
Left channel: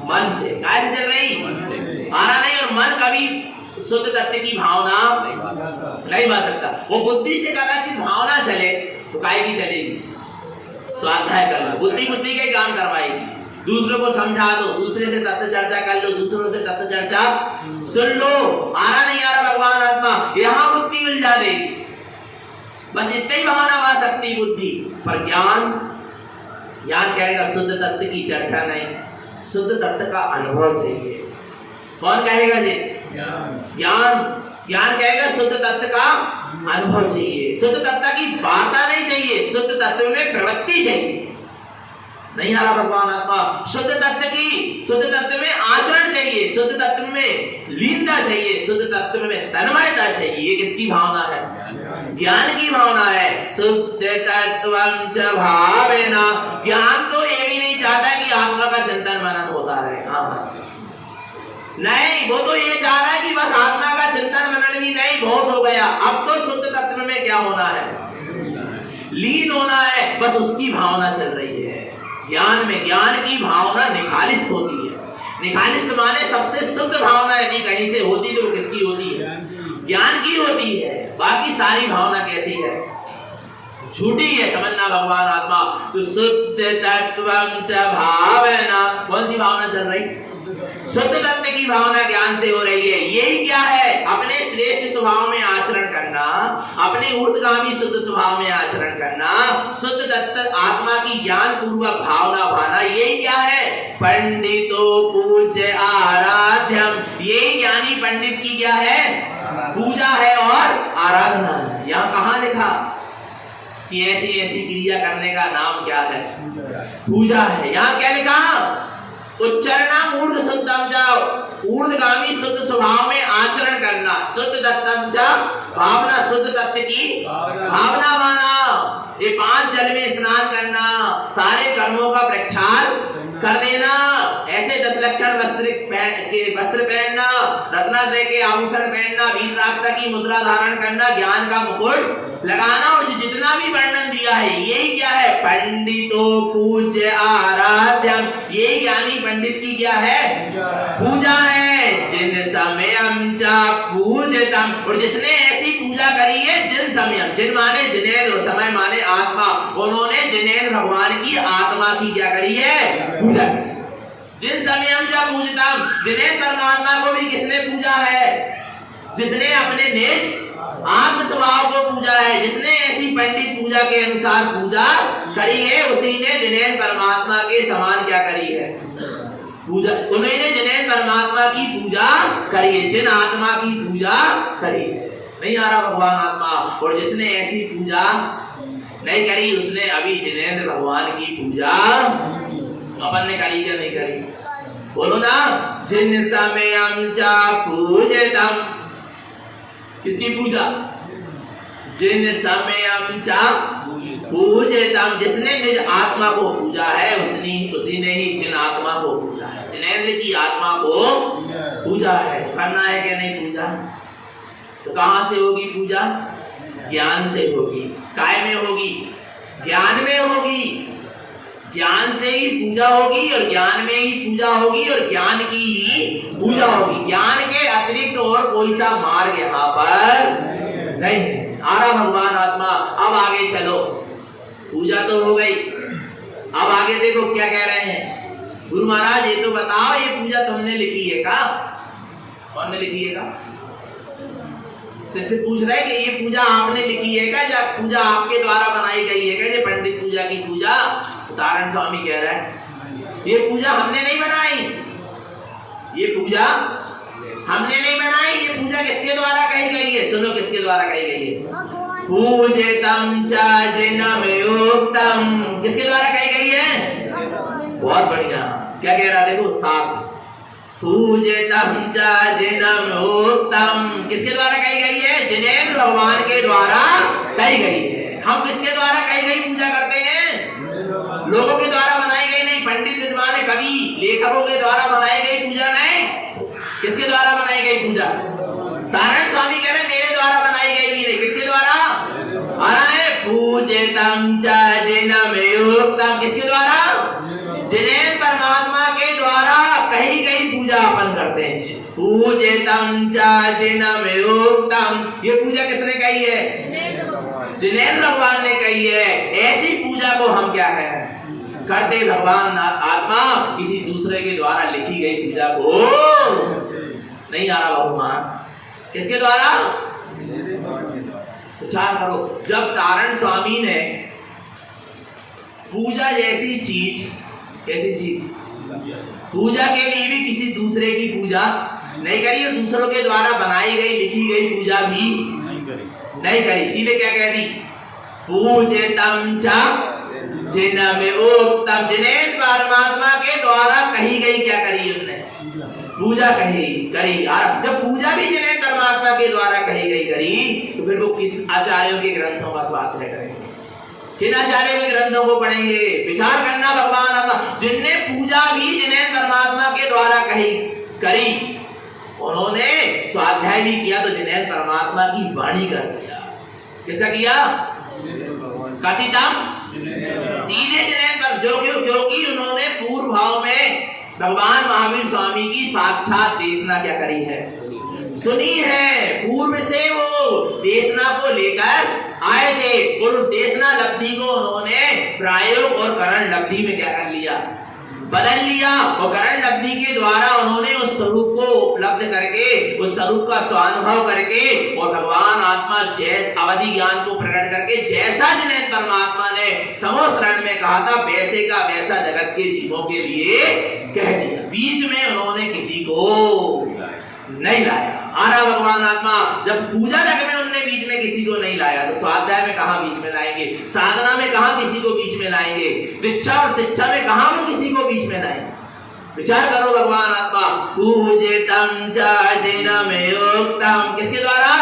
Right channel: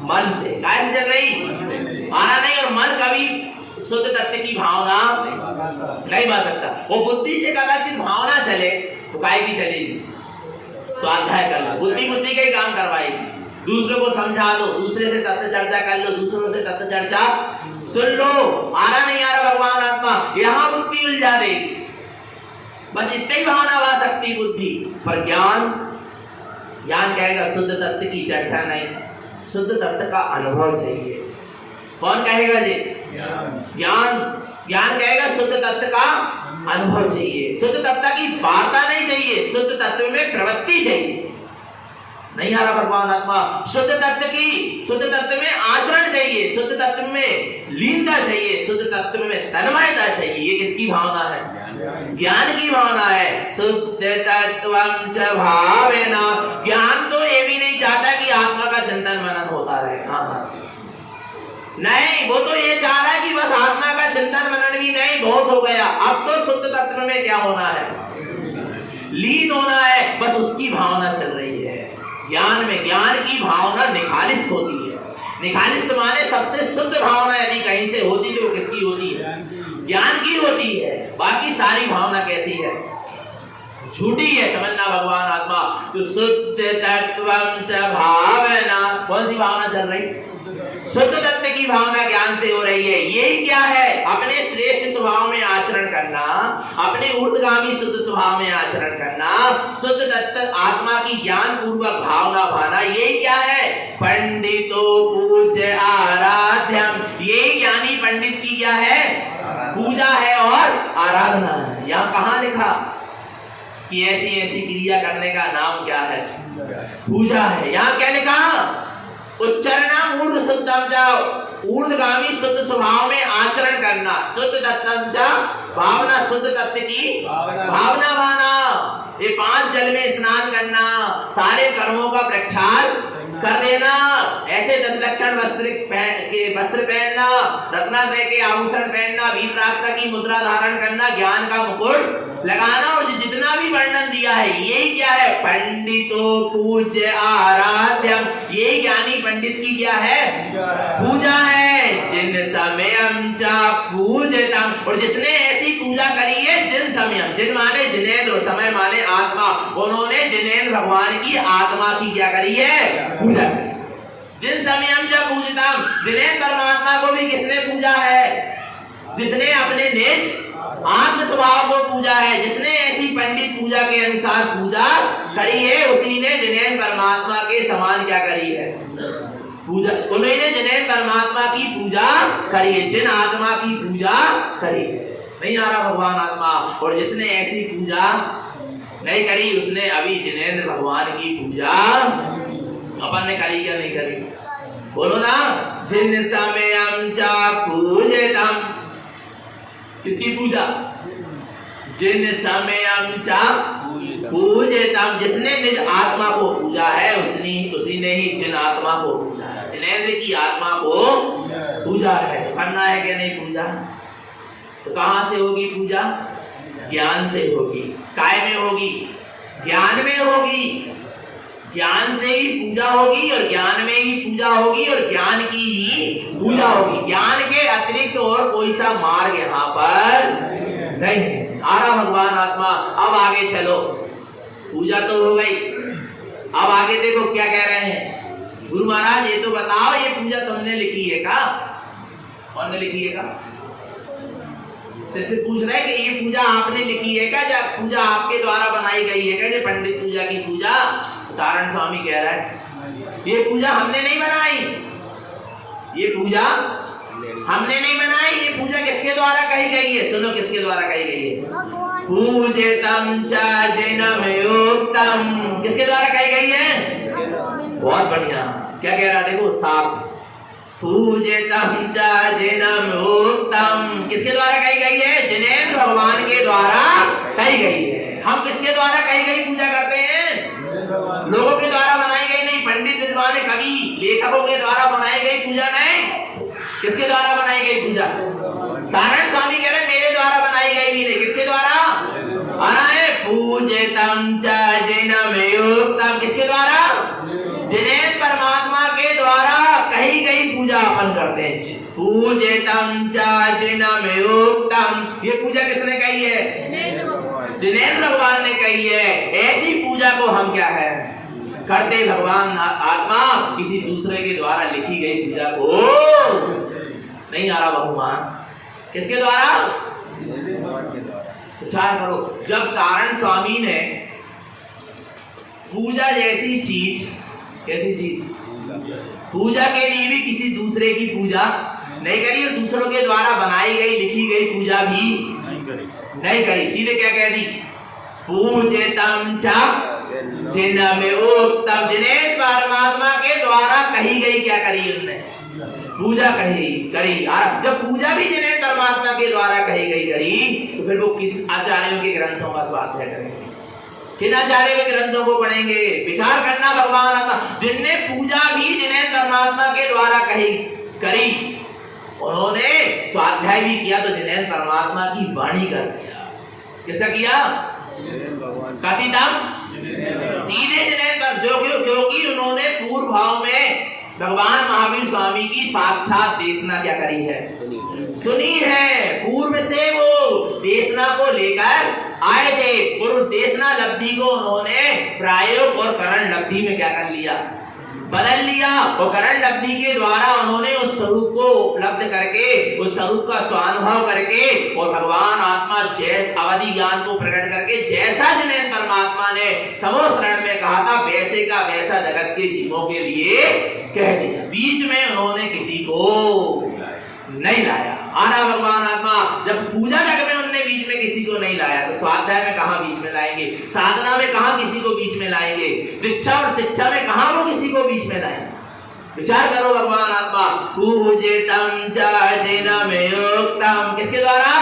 मन से। काय से चल रही? आ रहा नहीं। और मन कभी शुद्ध तत्व की भावना नहीं बन सकता। वो बुद्धि से कदाचित भावना चले तो काय की चलेगी? स्वाध्याय करना, बुद्धि बुद्धि के काम करवाएगी। दूसरों को समझा दो, दूसरे से तत्व चर्चा कर लो, दूसरों से तत्व चर्चा सुन लो। आ रहा नहीं आ रहा भगवान आत्मा? यहाँ बुद्धि उलझा देगी। बस इतनी ही भावना आ सकती बुद्धि। पर ज्ञान, ज्ञान कहेगा शुद्ध तत्व की चर्चा नहीं, शुद्ध तत्व का अनुभव चाहिए। कौन कहेगा जी? ज्ञान। ज्ञान कहेगा शुद्ध तत्व का अनुभव चाहिए, शुद्ध तत्व की वार्ता नहीं चाहिए, शुद्ध तत्व में प्रवृत्ति चाहिए। नहीं आ रहा भगवान आत्मा? शुद्ध तत्व की, शुद्ध तत्व में आचरण चाहिए, शुद्ध तत्व में लीनता चाहिए, शुद्ध तत्व में तन्मयता चाहिए। ये किसकी भावना है? ज्ञान की भावना है। शुद्ध तत्वं च भावेना। ज्ञान तो ये भी नहीं चाहता कि आत्मा का चिंतन मनन होता है। हाँ नहीं, वो तो ये चाह रहा है कि बस आत्मा का चिंतन मनन भी नहीं, बहुत हो गया, अब तो शुद्ध तत्व में क्या होना है? लीन होना है। बस उसकी भावना चल रही है। ज्ञान में, ज्ञान की भावना निखालिस होती है। निखालिस माने सबसे शुद्ध भावना यदि कहीं से होती तो किसकी होती है? ज्ञान की होती है। बाकी सारी भावना कैसी है? झूठी है। समझना भगवान आत्मा। तो शुद्ध तत्वं च भावेना। कौन सी भावना चल रही? शुद्ध तत्व की भावना ज्ञान से हो रही है। यही क्या है? अपने श्रेष्ठ स्वभाव में आचरण करना, अपने ऊर्ध्वगामी शुद्ध स्वभाव में आचरण करना, शुद्ध तत्व आत्मा की ज्ञान पूर्वक भावना भाना। यही क्या है? पंडितो पूज्य आराध्यम। ये ज्ञानी पंडित की क्या है? पूजा है और आराधना है। यहाँ कहाँ लिखा कि ऐसी ऐसी क्रिया करने का नाम क्या है? पूजा है। यहाँ क्या लिखा? उच्चारण ऊर्ध्व शुद्धम च, ऊर्ध्वगामी शुद्ध स्वभाव में आचरण करना, शुद्ध तत्वं च भावना, शुद्ध तत्व की भावना माना। ये 5 जल में स्नान करना, सारे कर्मों का प्रक्षाल कर देना, ऐसे 10 लक्षण वस्त्र पहनना, रत्नात्रय के आभूषण पहनना, वीर प्राप्त की मुद्रा धारण करना, ज्ञान का मुकुट लगाना। और जितना भी वर्णन दिया है यही क्या है? पंडितो पूज्य आराध्यम। ये ज्ञानी पंडित की क्या है? पूजा है। जिन समयम च पूजितम। और जिसने ऐसी पूजा करी है, जिन समयम, जिन माने जिनेन्द्र, समय माने आत्मा, उन्होंने जिनेन्द्र भगवान की आत्मा की क्या करी है? पूजा। जिन समयम च पूजितम, जिनेन्द्र परमात्मा को भी किसने पूजा है? जिसने अपने निज आत्म स्वभाव को पूजा है, जिसने ऐसी पंडित पूजा के अनुसार पूजा करी है, उसी ने जिनेन्द्र परमात्मा के समान क्या करी है? पूजा। उन्होंने जिनेन्द्र परमात्मा की पूजा करी है, जिन आत्मा की पूजा करी है। नहीं आ रहा भगवान आत्मा? और जिसने ऐसी पूजा नहीं करी, उसने अभी जिनेन्द्र भगवान की पूजा अपन ने करी क्या नहीं करी? बोलो ना। जिन समयम च पूजितम। किसकी पूजा? जिन समयम च पूजितम। जिसने निज आत्मा को पूजा है, उसी ने ही जिन आत्मा को पूजा है, जिनेन्द्र की आत्मा को पूजा है। करना है क्या नहीं पूजा? तो कहां से होगी पूजा? ज्ञान से होगी। काय में होगी? ज्ञान में होगी। ज्ञान से ही पूजा होगी और ज्ञान में ही पूजा होगी और ज्ञान की ही पूजा होगी। ज्ञान के अतिरिक्त और कोई सा मार्ग यहाँ पर नहीं है। आ रहा भगवान आत्मा? अब आगे चलो। पूजा तो हो गई, अब आगे देखो क्या कह रहे हैं। गुरु महाराज ये तो बताओ, ये पूजा तुमने लिखी है का? कौन ने लिखी है का? शिष्य पूछ रहे कि ये पूजा आपने लिखी है क्या? जब पूजा आपके द्वारा बनाई गई है क्या? ये पंडित पूजा की पूजा? तारण स्वामी कह रहा है ये पूजा हमने नहीं बनाई, ये पूजा हमने नहीं बनाई। ये पूजा किसके द्वारा कही गई है? सुनो किसके द्वारा कही गई है? भगवान पूजितम च जिनमयोक्तम, किसके द्वारा कही गई है? बहुत बढ़िया। क्या कह रहा देखो साथ, पूजितम च जिनमयोक्तम, किसके द्वारा कही गई है? जिनेंद्र भगवान के द्वारा कही गई है। हम किसके द्वारा कही गई पूजा करते हैं? लोगों के द्वारा बनाई गई नहीं, पंडित विद्वान कवि लेखकों के द्वारा बनाई गई पूजा नहीं। किसके द्वारा बनाई गई पूजा? नारायण स्वामी कह रहे मेरे द्वारा बनाई गई भी नहीं, किसके द्वारा? पूजितम च जिनमयोक्तम, किसके द्वारा? जिनेंद्र परमात्मा के द्वारा कही गई पूजा अपन करते हैं। पूजितम च जिनमयोक्तम, ये पूजा किसने कही है? जिनेंद्र भगवान ने कही है। ऐसी पूजा को हम क्या है करते? भगवान आत्मा किसी दूसरे के द्वारा लिखी गई पूजा को नहीं आ रहा बहुमान, किसके द्वारा? विचार करो, जब तारण स्वामी ने पूजा जैसी चीज, कैसी चीज? पूजा के लिए भी किसी दूसरे की पूजा नहीं करी और दूसरों के द्वारा बनाई गई लिखी गई पूजा भी नहीं करी। सीधे क्या कह दी? पूजितम च जिनमयोक्तम, जिनेंद्र परमात्मा के द्वारा कही गई क्या करी? उन्होंने पूजा करी। जब पूजा भी जिनेंद्र परमात्मा के द्वारा कही गई करी, तो फिर वो किस आचार्यों के ग्रंथों का स्वाध्याय करेंगे? किन आचार्य के ग्रंथों को पढ़ेंगे? विचार करना भगवान आत्मा जिनने पूजा भी जिनेंद्र परमात्मा के द्वारा करी, उन्होंने स्वाध्याय भी किया तो जिनेंद्र परमात्मा की वाणी कर दिया। किसका किया? कथितम, सीधे जिनेंद्र, जो कि उन्होंने पूर्व भाव में भगवान महावीर स्वामी की साक्षात देशना क्या करी है? सुनी है। पूर्व से वो देशना को लेकर आए थे और उस देशना लब्धि को उन्होंने प्रायोग और करण लब्धि में क्या कर लिया? बदल लिया। और करण लब्धि के द्वारा उन्होंने उस स्वरूप को उपलब्ध करके, उस स्वरूप का स्वानुभव करके और भगवान आत्मा जैस अवधि ज्ञान को प्रकट करके जैसा जिनेंद्र परमात्मा ने समोस्तरण में कहा था वैसे का वैसा जगत के जीवों के लिए कह दिया। बीच में उन्होंने किसी को नहीं लाया। आना भगवान आत्मा जब पूजा जग में उन्होंने बीच में किसी को नहीं लाया तो स्वाध्याय में कहां बीच में लाएंगे? साधना में कहां किसी को बीच में लाएंगे? दीक्षा और शिक्षा में कहां वो किसी को बीच में लाएंगे? विचार करो भगवान आत्मा। पूजितम च जिनमयोक्तम, किसके द्वारा?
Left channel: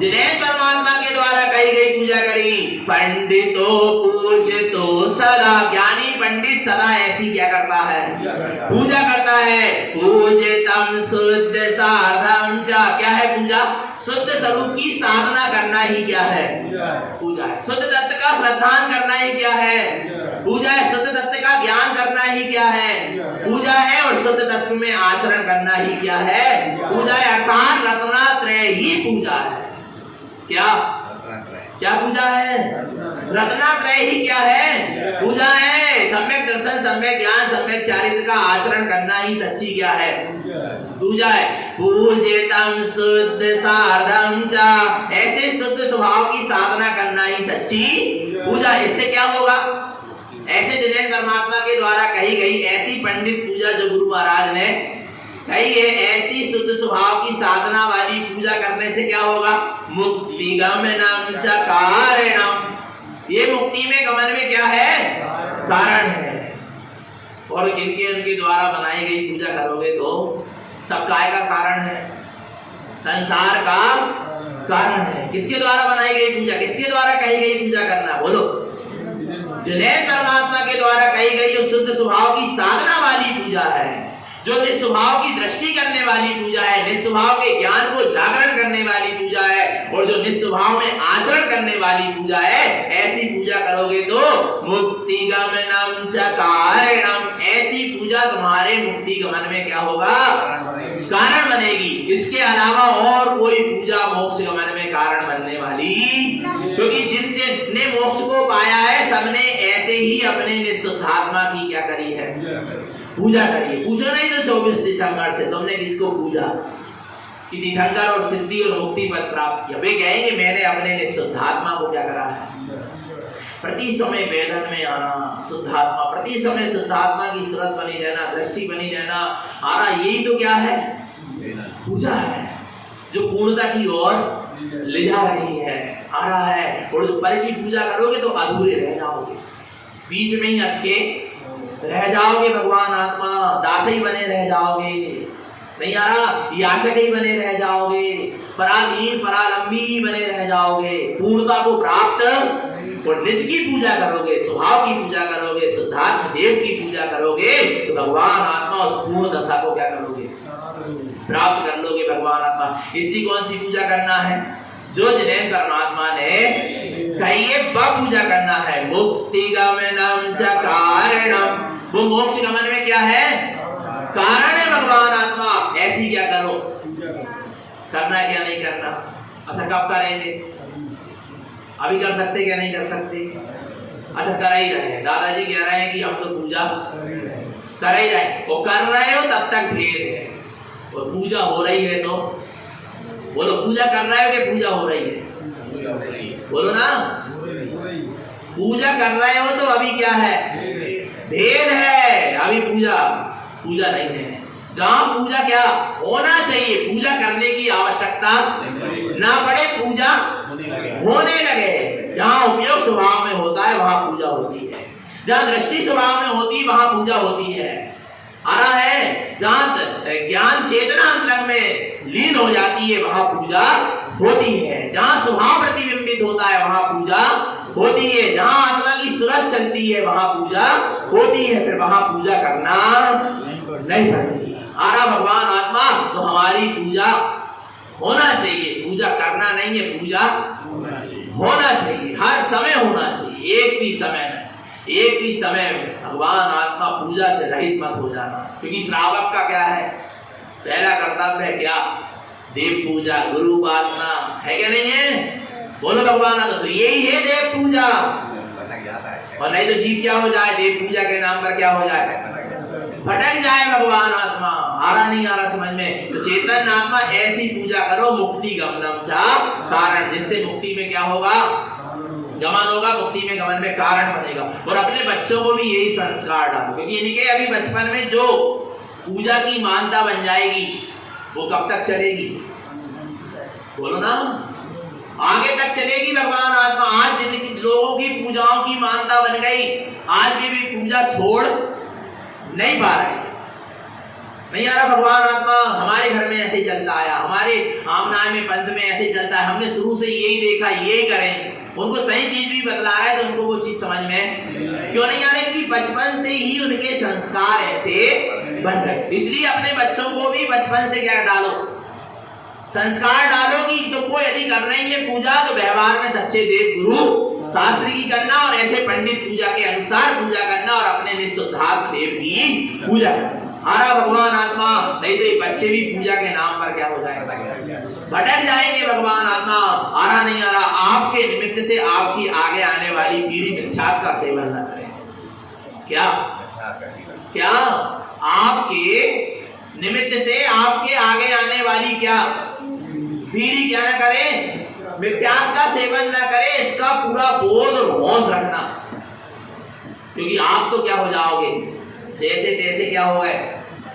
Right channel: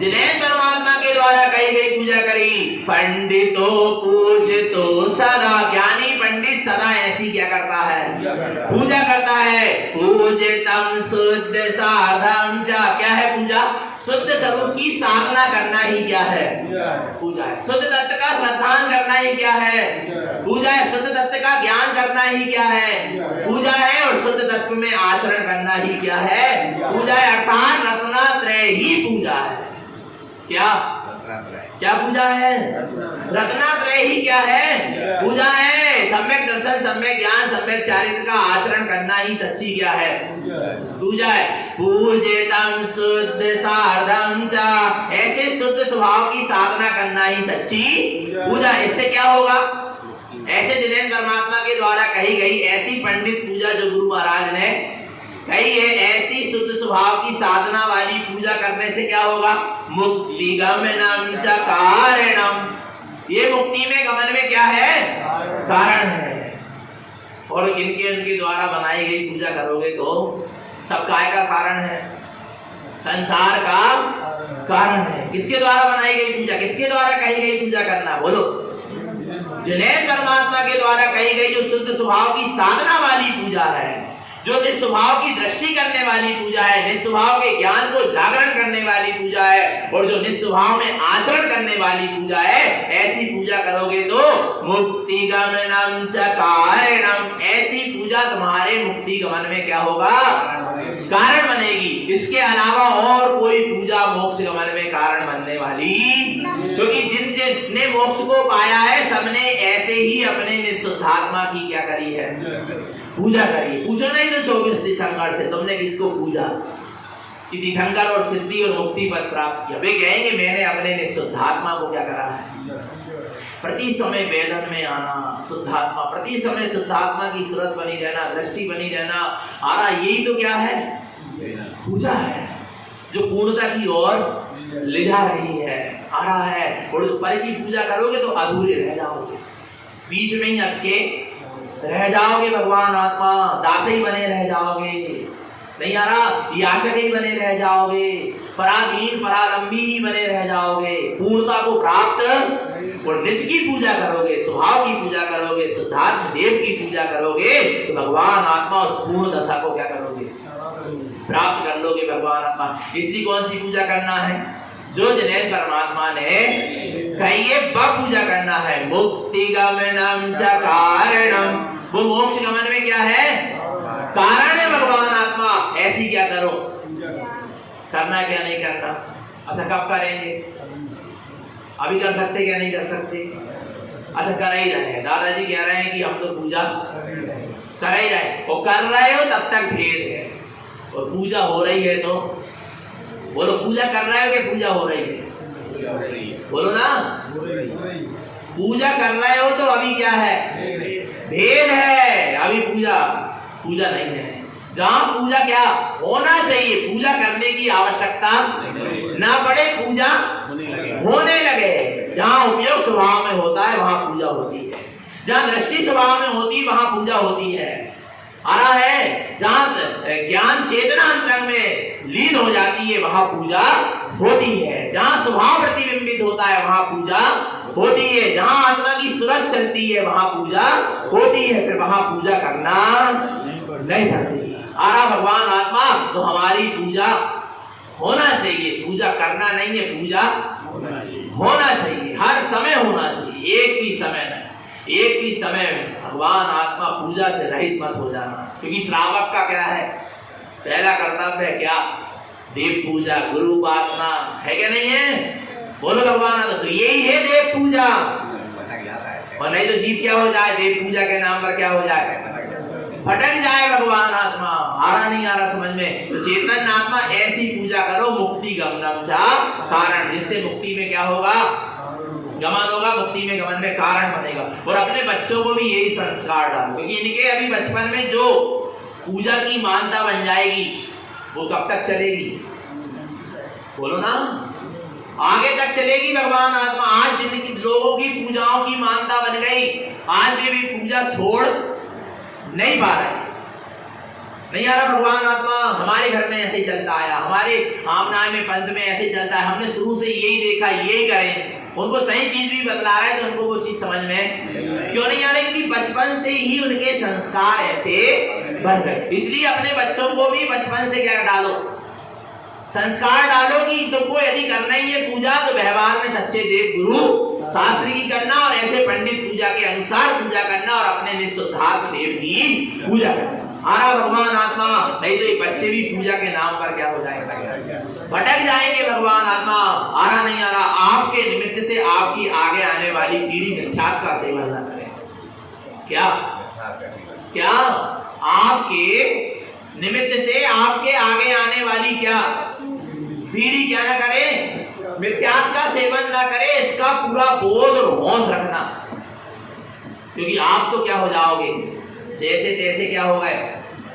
जिनेंद्र परमात्मा के द्वारा कही गई पूजा करी। पंडितो पूजितो सदा, ज्ञानी पंडित सदा ऐसी क्या करता है? पूजा करता है। पूजितम शुद्ध साधम च, क्या है पूजा? शुद्ध स्वरूप की साधना करना ही क्या है? पूजा है। शुद्ध तत्व का श्रद्धान करना ही क्या है? पूजा है। शुद्ध तत्व का ज्ञान करना ही क्या है? पूजा है। और शुद्ध तत्व में आचरण करना ही क्या है? पूजा है। अर्थात रत्नात्रय ही पूजा है। क्या क्या पूजा है? रत्नात्रय ही क्या है? पूजा है। सम्यक दर्शन, सम्यक ज्ञान, सम्यक चारित्र का आचरण करना ही सच्ची क्या है? पूजा है। पूजितम शुद्ध साधम च, ऐसे शुद्ध स्वभाव की साधना करना ही सच्ची पूजा। इससे क्या होगा? ऐसे जिनेंद्र परमात्मा के द्वारा कही गई ऐसी पंडित पूजा जो गुरु महाराज ने कही है, ऐसी शुद्ध स्वभाव की साधना वाली पूजा करने से क्या होगा? मुक्ति गमनम च कारणम, ये मुक्ति में गमन में क्या है? कारण है। और इनके उनके द्वारा बनाई गई पूजा करोगे तो सब काय का कारण है? संसार का कारण है। किसके द्वारा बनाई गई पूजा? किसके द्वारा कही गई पूजा करना? बोलो। जिनेंद्र परमात्मा के द्वारा कही गई जो शुद्ध स्वभाव की साधना वाली पूजा है, जो निस्वभाव की दृष्टि करने वाली पूजा है, निस्वभाव के ज्ञान को जागरण करने वाली पूजा है और जो निस्वभाव में आचरण करने वाली पूजा है, ऐसी पूजा करोगे तो मुक्ति गमनम च कारणम, ऐसी पूजा तुम्हारे मुक्ति गमन में क्या होगा? कारण बनेगी। इसके अलावा और कोई पूजा मोक्ष गमन में कारण बनने वाली, क्योंकि जिन ने मोक्ष को पाया है सबने ऐसे ही अपने निःशुद्धात्मा की क्या करी है? पूजा करिए। पूछो नहीं तो 24 तीर्थंकर से तुमने किसको पूजा कि तीर्थंकर और सिद्धि और मुक्ति पद प्राप्त किया? वे कहेंगे मैंने अपने निःशुद्धात्मा को क्या करा है? प्रति समय वेदन में आना, शुद्धात्मा, प्रति समय शुद्धात्मा की सूरत बनी रहना, दृष्टि बनी रहना, आना, यही तो क्या है? पूजा है। जो पूर्णता की ओर ले जा रही है, आ रहा है। और पर की पूजा करोगे तो अधूरे रह जाओगे, बीच में ही अटके रह जाओगे। भगवान आत्मा दासी बने रह जाओगे, नहीं आ रहा, याचक ही बने रह जाओगे, पराधीन परालंबी ही बने रह जाओगे। पूर्णता को प्राप्त और निज की पूजा करोगे, स्वभाव की पूजा करोगे, शुद्धात्म देव की पूजा करोगे तो भगवान आत्मा उस पूर्ण दशा को क्या करोगे, प्राप्त कर लोगे भगवान आत्मा। इसलिए कौन सी पूजा करना है, जो जिन्हें परमात्मा ने कही है वह पूजा करना है। मुक्ति गमनम च कारणम, वो मोक्ष गमन में क्या है, कारण है भगवान आत्मा। ऐसी क्या करो, करना है क्या नहीं करना। अच्छा कब करेंगे, अभी कर सकते क्या नहीं कर सकते। अच्छा कर ही रहे हैं, दादाजी कह रहे हैं कि हम तो पूजा कर ही रहे, और कर रहे हो तब तक भेद है, और पूजा हो रही है तो बोलो, पूजा कर रहे हो कि पूजा हो रही है, बोलो ना। पूजा कर रहे हो तो अभी क्या है, भेद है, अभी पूजा नहीं है। जहां पूजा क्या होना चाहिए, पूजा करने की आवश्यकता ना पड़े, पूजा होने लगे। जहां उपयोग स्वभाव में होता है वहां पूजा होती है, जहां दृष्टि स्वभाव में होती है वहां पूजा होती है। आ रहा है, जहां ज्ञान चेतना अंतरंग में लीन हो जाती है वहां पूजा होती है। जहां स्वभाव प्रतिबिंबित होता है वहां पूजा होती है। जहां आत्मा की सूरत चलती है वहां पूजा होती है, फिर वहां पूजा करना नहीं पड़ती। आ रहा भगवान आत्मा, तो हमारी पूजा होना चाहिए, पूजा करना नहीं है, पूजा होना चाहिए, हर समय होना चाहिए। एक भी समय में भगवान आत्मा पूजा से रहित मत हो जाना। क्योंकि श्रावक का क्या है, पहला कर्तव्य है क्या, देव पूजा, गुरु उपासना है क्या नहीं है, बोलो भगवान आत्मा, तो यही है देव पूजा। और नहीं तो जीव क्या हो जाए, देव पूजा के नाम पर क्या हो जाए, भटक जाए भगवान आत्मा। आ रहा नहीं आ रहा समझ में। तो चेतन आत्मा ऐसी पूजा करो, मुक्ति गमनम च कारण, जिससे मुक्ति में क्या होगा, गमन होगा, मुक्ति में गमन में कारण बनेगा। और अपने बच्चों को भी यही संस्कार डालो, क्योंकि इनके अभी बचपन में जो पूजा की मानता बन जाएगी वो कब तक चलेगी, बोलो ना, आगे तक चलेगी भगवान आत्मा। आज जिनकी लोगों की पूजाओं की मानता बन गई, आज भी पूजा छोड़ नहीं पा रहे, नहीं आ रहा भगवान आत्मा। हमारे घर में ऐसे चलता आया, हमारे आमनाय में पंथ में ऐसे चलता है, हमने शुरू से यही देखा, यही करें। उनको सही चीज भी बतला रहा है तो उनको वो चीज समझ में क्यों नहीं आ रही, क्योंकि बचपन से ही उनके संस्कार ऐसे बन गए। इसलिए अपने बच्चों को भी बचपन से क्या डालो, संस्कार डालो कि तुमको यदि करना ही है पूजा तो व्यवहार में सच्चे देव गुरु शास्त्र की करना, और ऐसे पंडित पूजा के अनुसार पूजा करना, और अपने निःशुद्धात्म देव की पूजा करना। आ रहा भगवान आत्मा, नहीं तो ये बच्चे भी पूजा के नाम पर क्या हो जाएगा, भटक जाएंगे भगवान आत्मा। आ रहा नहीं आ रहा, आपके निमित्त से आपकी आगे आने वाली पीढ़ी मिथ्यात्व का सेवन न करे। क्या आपके निमित्त से आपके आगे आने वाली क्या पीढ़ी क्या न करे, मिथ्यात्व का सेवन न करे, इसका पूरा बोध और होश रखना। क्योंकि आप तो क्या हो जाओगे, जैसे तैसे क्या हो गए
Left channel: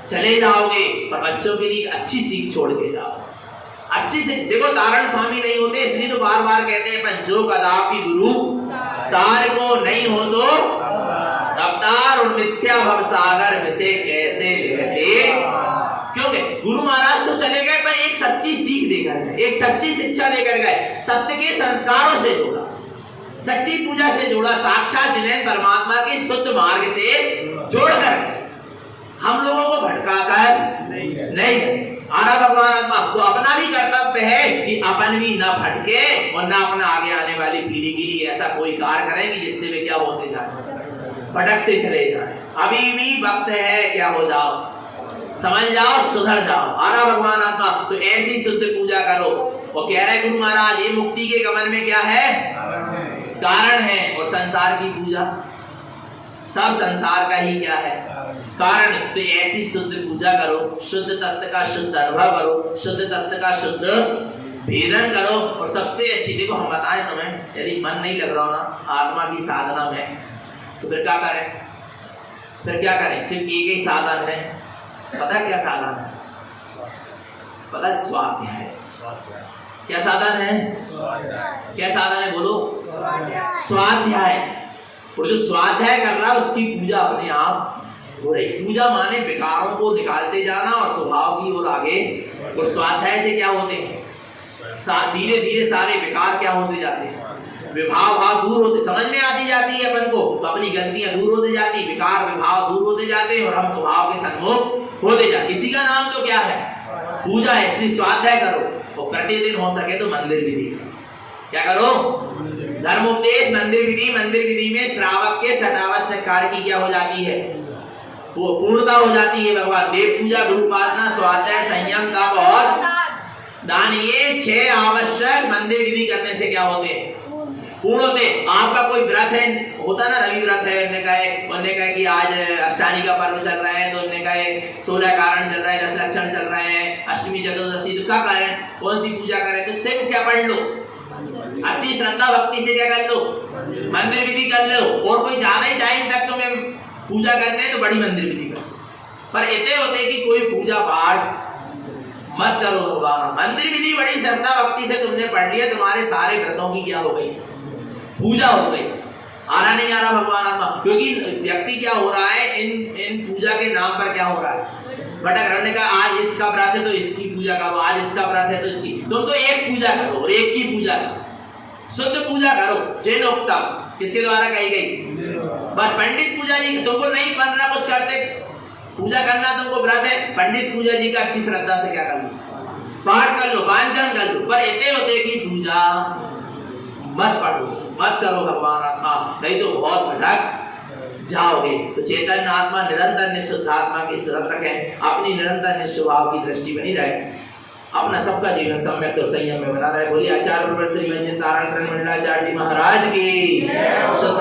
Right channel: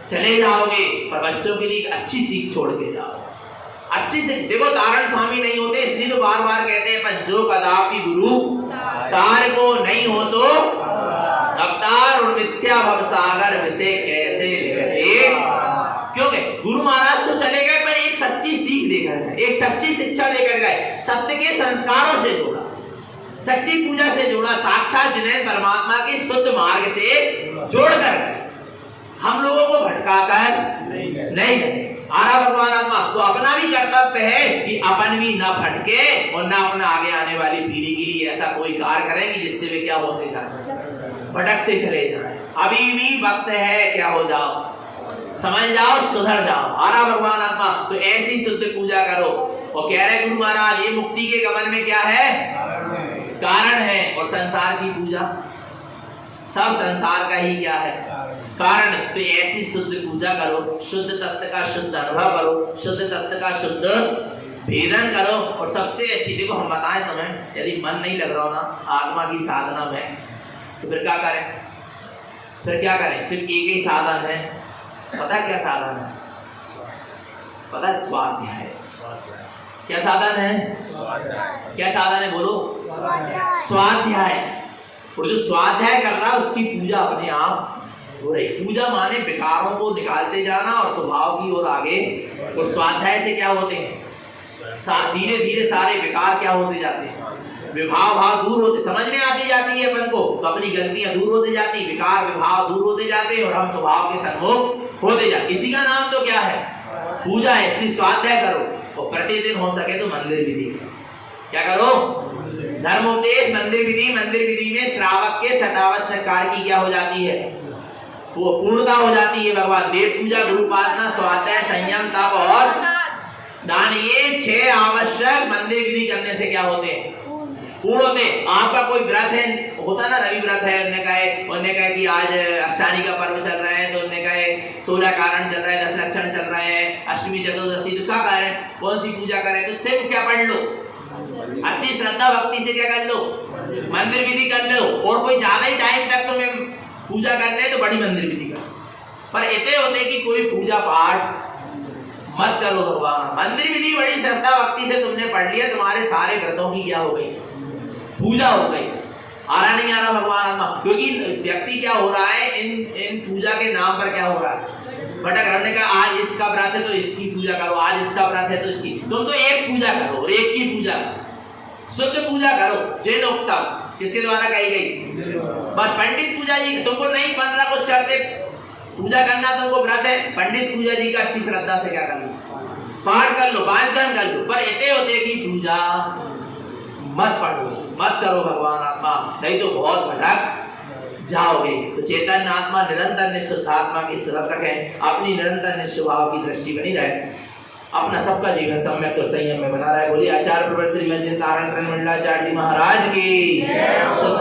चले जाओगे, पर बच्चों के लिए अच्छी सीख छोड़ के जाओ, अच्छी सीख। देखो तारण स्वामी नहीं होते, इसलिए तो बार बार कहते हैं पंचो कदापि गुरु तार को नहीं हो तो अवतार और मिथ्या भव सागर विषय कैसे लेते। क्योंकि गुरु महाराज तो चले गए, पर एक सच्ची सीख देकर गए, एक सच्ची शिक्षा लेकर गए, सत्य के संस्कारों से जोड़ा, सच्ची पूजा से जोड़ा, साक्षात जिन्हें परमात्मा के शुद्ध मार्ग से जोड़कर हम लोगों को भटकाकर नहीं। आरा भगवान आत्मा तो अपना भी कर्तव्य है कि अपन भी ना भटके और ना अपना आगे आने वाली पीढ़ी के लिए ऐसा कोई कार्य करें कि जिससे वे क्या होते जाए, भटकते चले जाए। अभी भी वक्त है, क्या हो जाओ, समझ जाओ, सुधर जाओ। आरा भगवान आत्मा तो ऐसी शुद्ध पूजा करो। और कह रहे गुरु महाराज ये मुक्ति के गमन में क्या है, कारण है। और संसार की पूजा सब संसार का ही क्या है, कारण। तो ऐसी शुद्ध पूजा करो, शुद्ध तत्व का शुद्ध अनुभव करो, शुद्ध तत्व का शुद्ध भेदन करो। और सबसे अच्छी, देखो हम बताएं तुम्हें, यदि मन नहीं लग रहा हो ना आत्मा की साधना में, तो फिर क्या करें, सिर्फ एक ही साधन है। पता है क्या साधन है, पता है स्वाध्याय क्या साधन है? क्या साधन है बोलो? स्वाध्याय। और जो स्वाध्याय कर रहा है उसकी पूजा अपने आप हो रही। पूजा माने विकारों को निकालते जाना और स्वभाव की ओर आगे। और स्वाध्याय से क्या होते हैं? धीरे धीरे सारे विकार क्या होते जाते हैं? विभाव भाव दूर होते, समझ में आती जाती है अपन को, तो अपनी गलतियां दूर होते जाती, विकार विभाव दूर होते जाते हैं और हम स्वभाव के सन्मुख होते जाते। इसी का नाम तो क्या है? पूजा है। इसलिए स्वाध्याय करो और प्रतिदिन हो सके तो मंदिर विधि क्या करो? धर्मोपदेश, मंदिर विधि। मंदिर विधि में श्रावक के सटावश्यक कार्य की क्या हो जाती है? वो पूर्णता हो जाती है। भगवान देव पूजा, गुरु उपासना, स्वाध्याय, संयम, तप और दान, ये 6 आवश्यक मंदिर विधि करने से क्या होते हैं? पूर्ण होते। आपका कोई व्रत है, होता ना, रवि व्रत है, उन्होंने कहा कि आज अष्टानी का पर्व चल रहा है, तो उन्होंने कहा 16 कारण चल रहा है, 10 लक्षण चल रहे हैं, अष्टमी चतुर्दशी, तो क्या करें, कौन सी पूजा करें? तो सिर्फ क्या पढ़ लो, अच्छी श्रद्धा भक्ति से क्या कर लो? मंदिर विधि कर लो। और कोई ज्यादा ही टाइम तक तुम्हें पूजा करने तो बड़ी मंदिर विधि करो, पर इतने होते कि कोई पूजा पाठ मत करो भगवान। मंदिर विधि बड़ी श्रद्धा भक्ति से तुमने पढ़ लिया, तुम्हारे सारे व्रतों की क्या हो गई? पूजा हो गई। आ रहा नहीं आ रहा भगवान आत्मा? क्योंकि व्यक्ति क्या हो रहा है, इन पूजा के नाम पर क्या हो रहा है? भटक। हमने कहा आज इसका व्रत है तो इसकी पूजा करो, आज इसका व्रत है तो इसकी। तुम तो एक पूजा करो और एक की पूजा करो, शुद्ध पूजा करो। जैनोक्ता किसके द्वारा कही गई? बस पंडित पूजा जी। तुमको नहीं बनना कुछ करते, पूजा करना तुमको व्रत है, पंडित पूजा जी का अच्छी श्रद्धा से क्या कर लो? पाठ कर लो, वांचन कर लो। पर इतने होते की पूजा मत पढ़ो, मत करो भगवान आत्मा, नहीं तो बहुत भटक जाओगे। तो चैतन्य आत्मा निरंतर निःशुद्ध आत्मा की सुरत रखें, अपनी निरंतर निस्वभाव की दृष्टि बनी रहे, अपना सबका जीवन सम्यक तो संयम में बना रहे। बोलिए आचार्य प्रवर श्री मंजिल नारायण मंडलाचार्य जी महाराज की।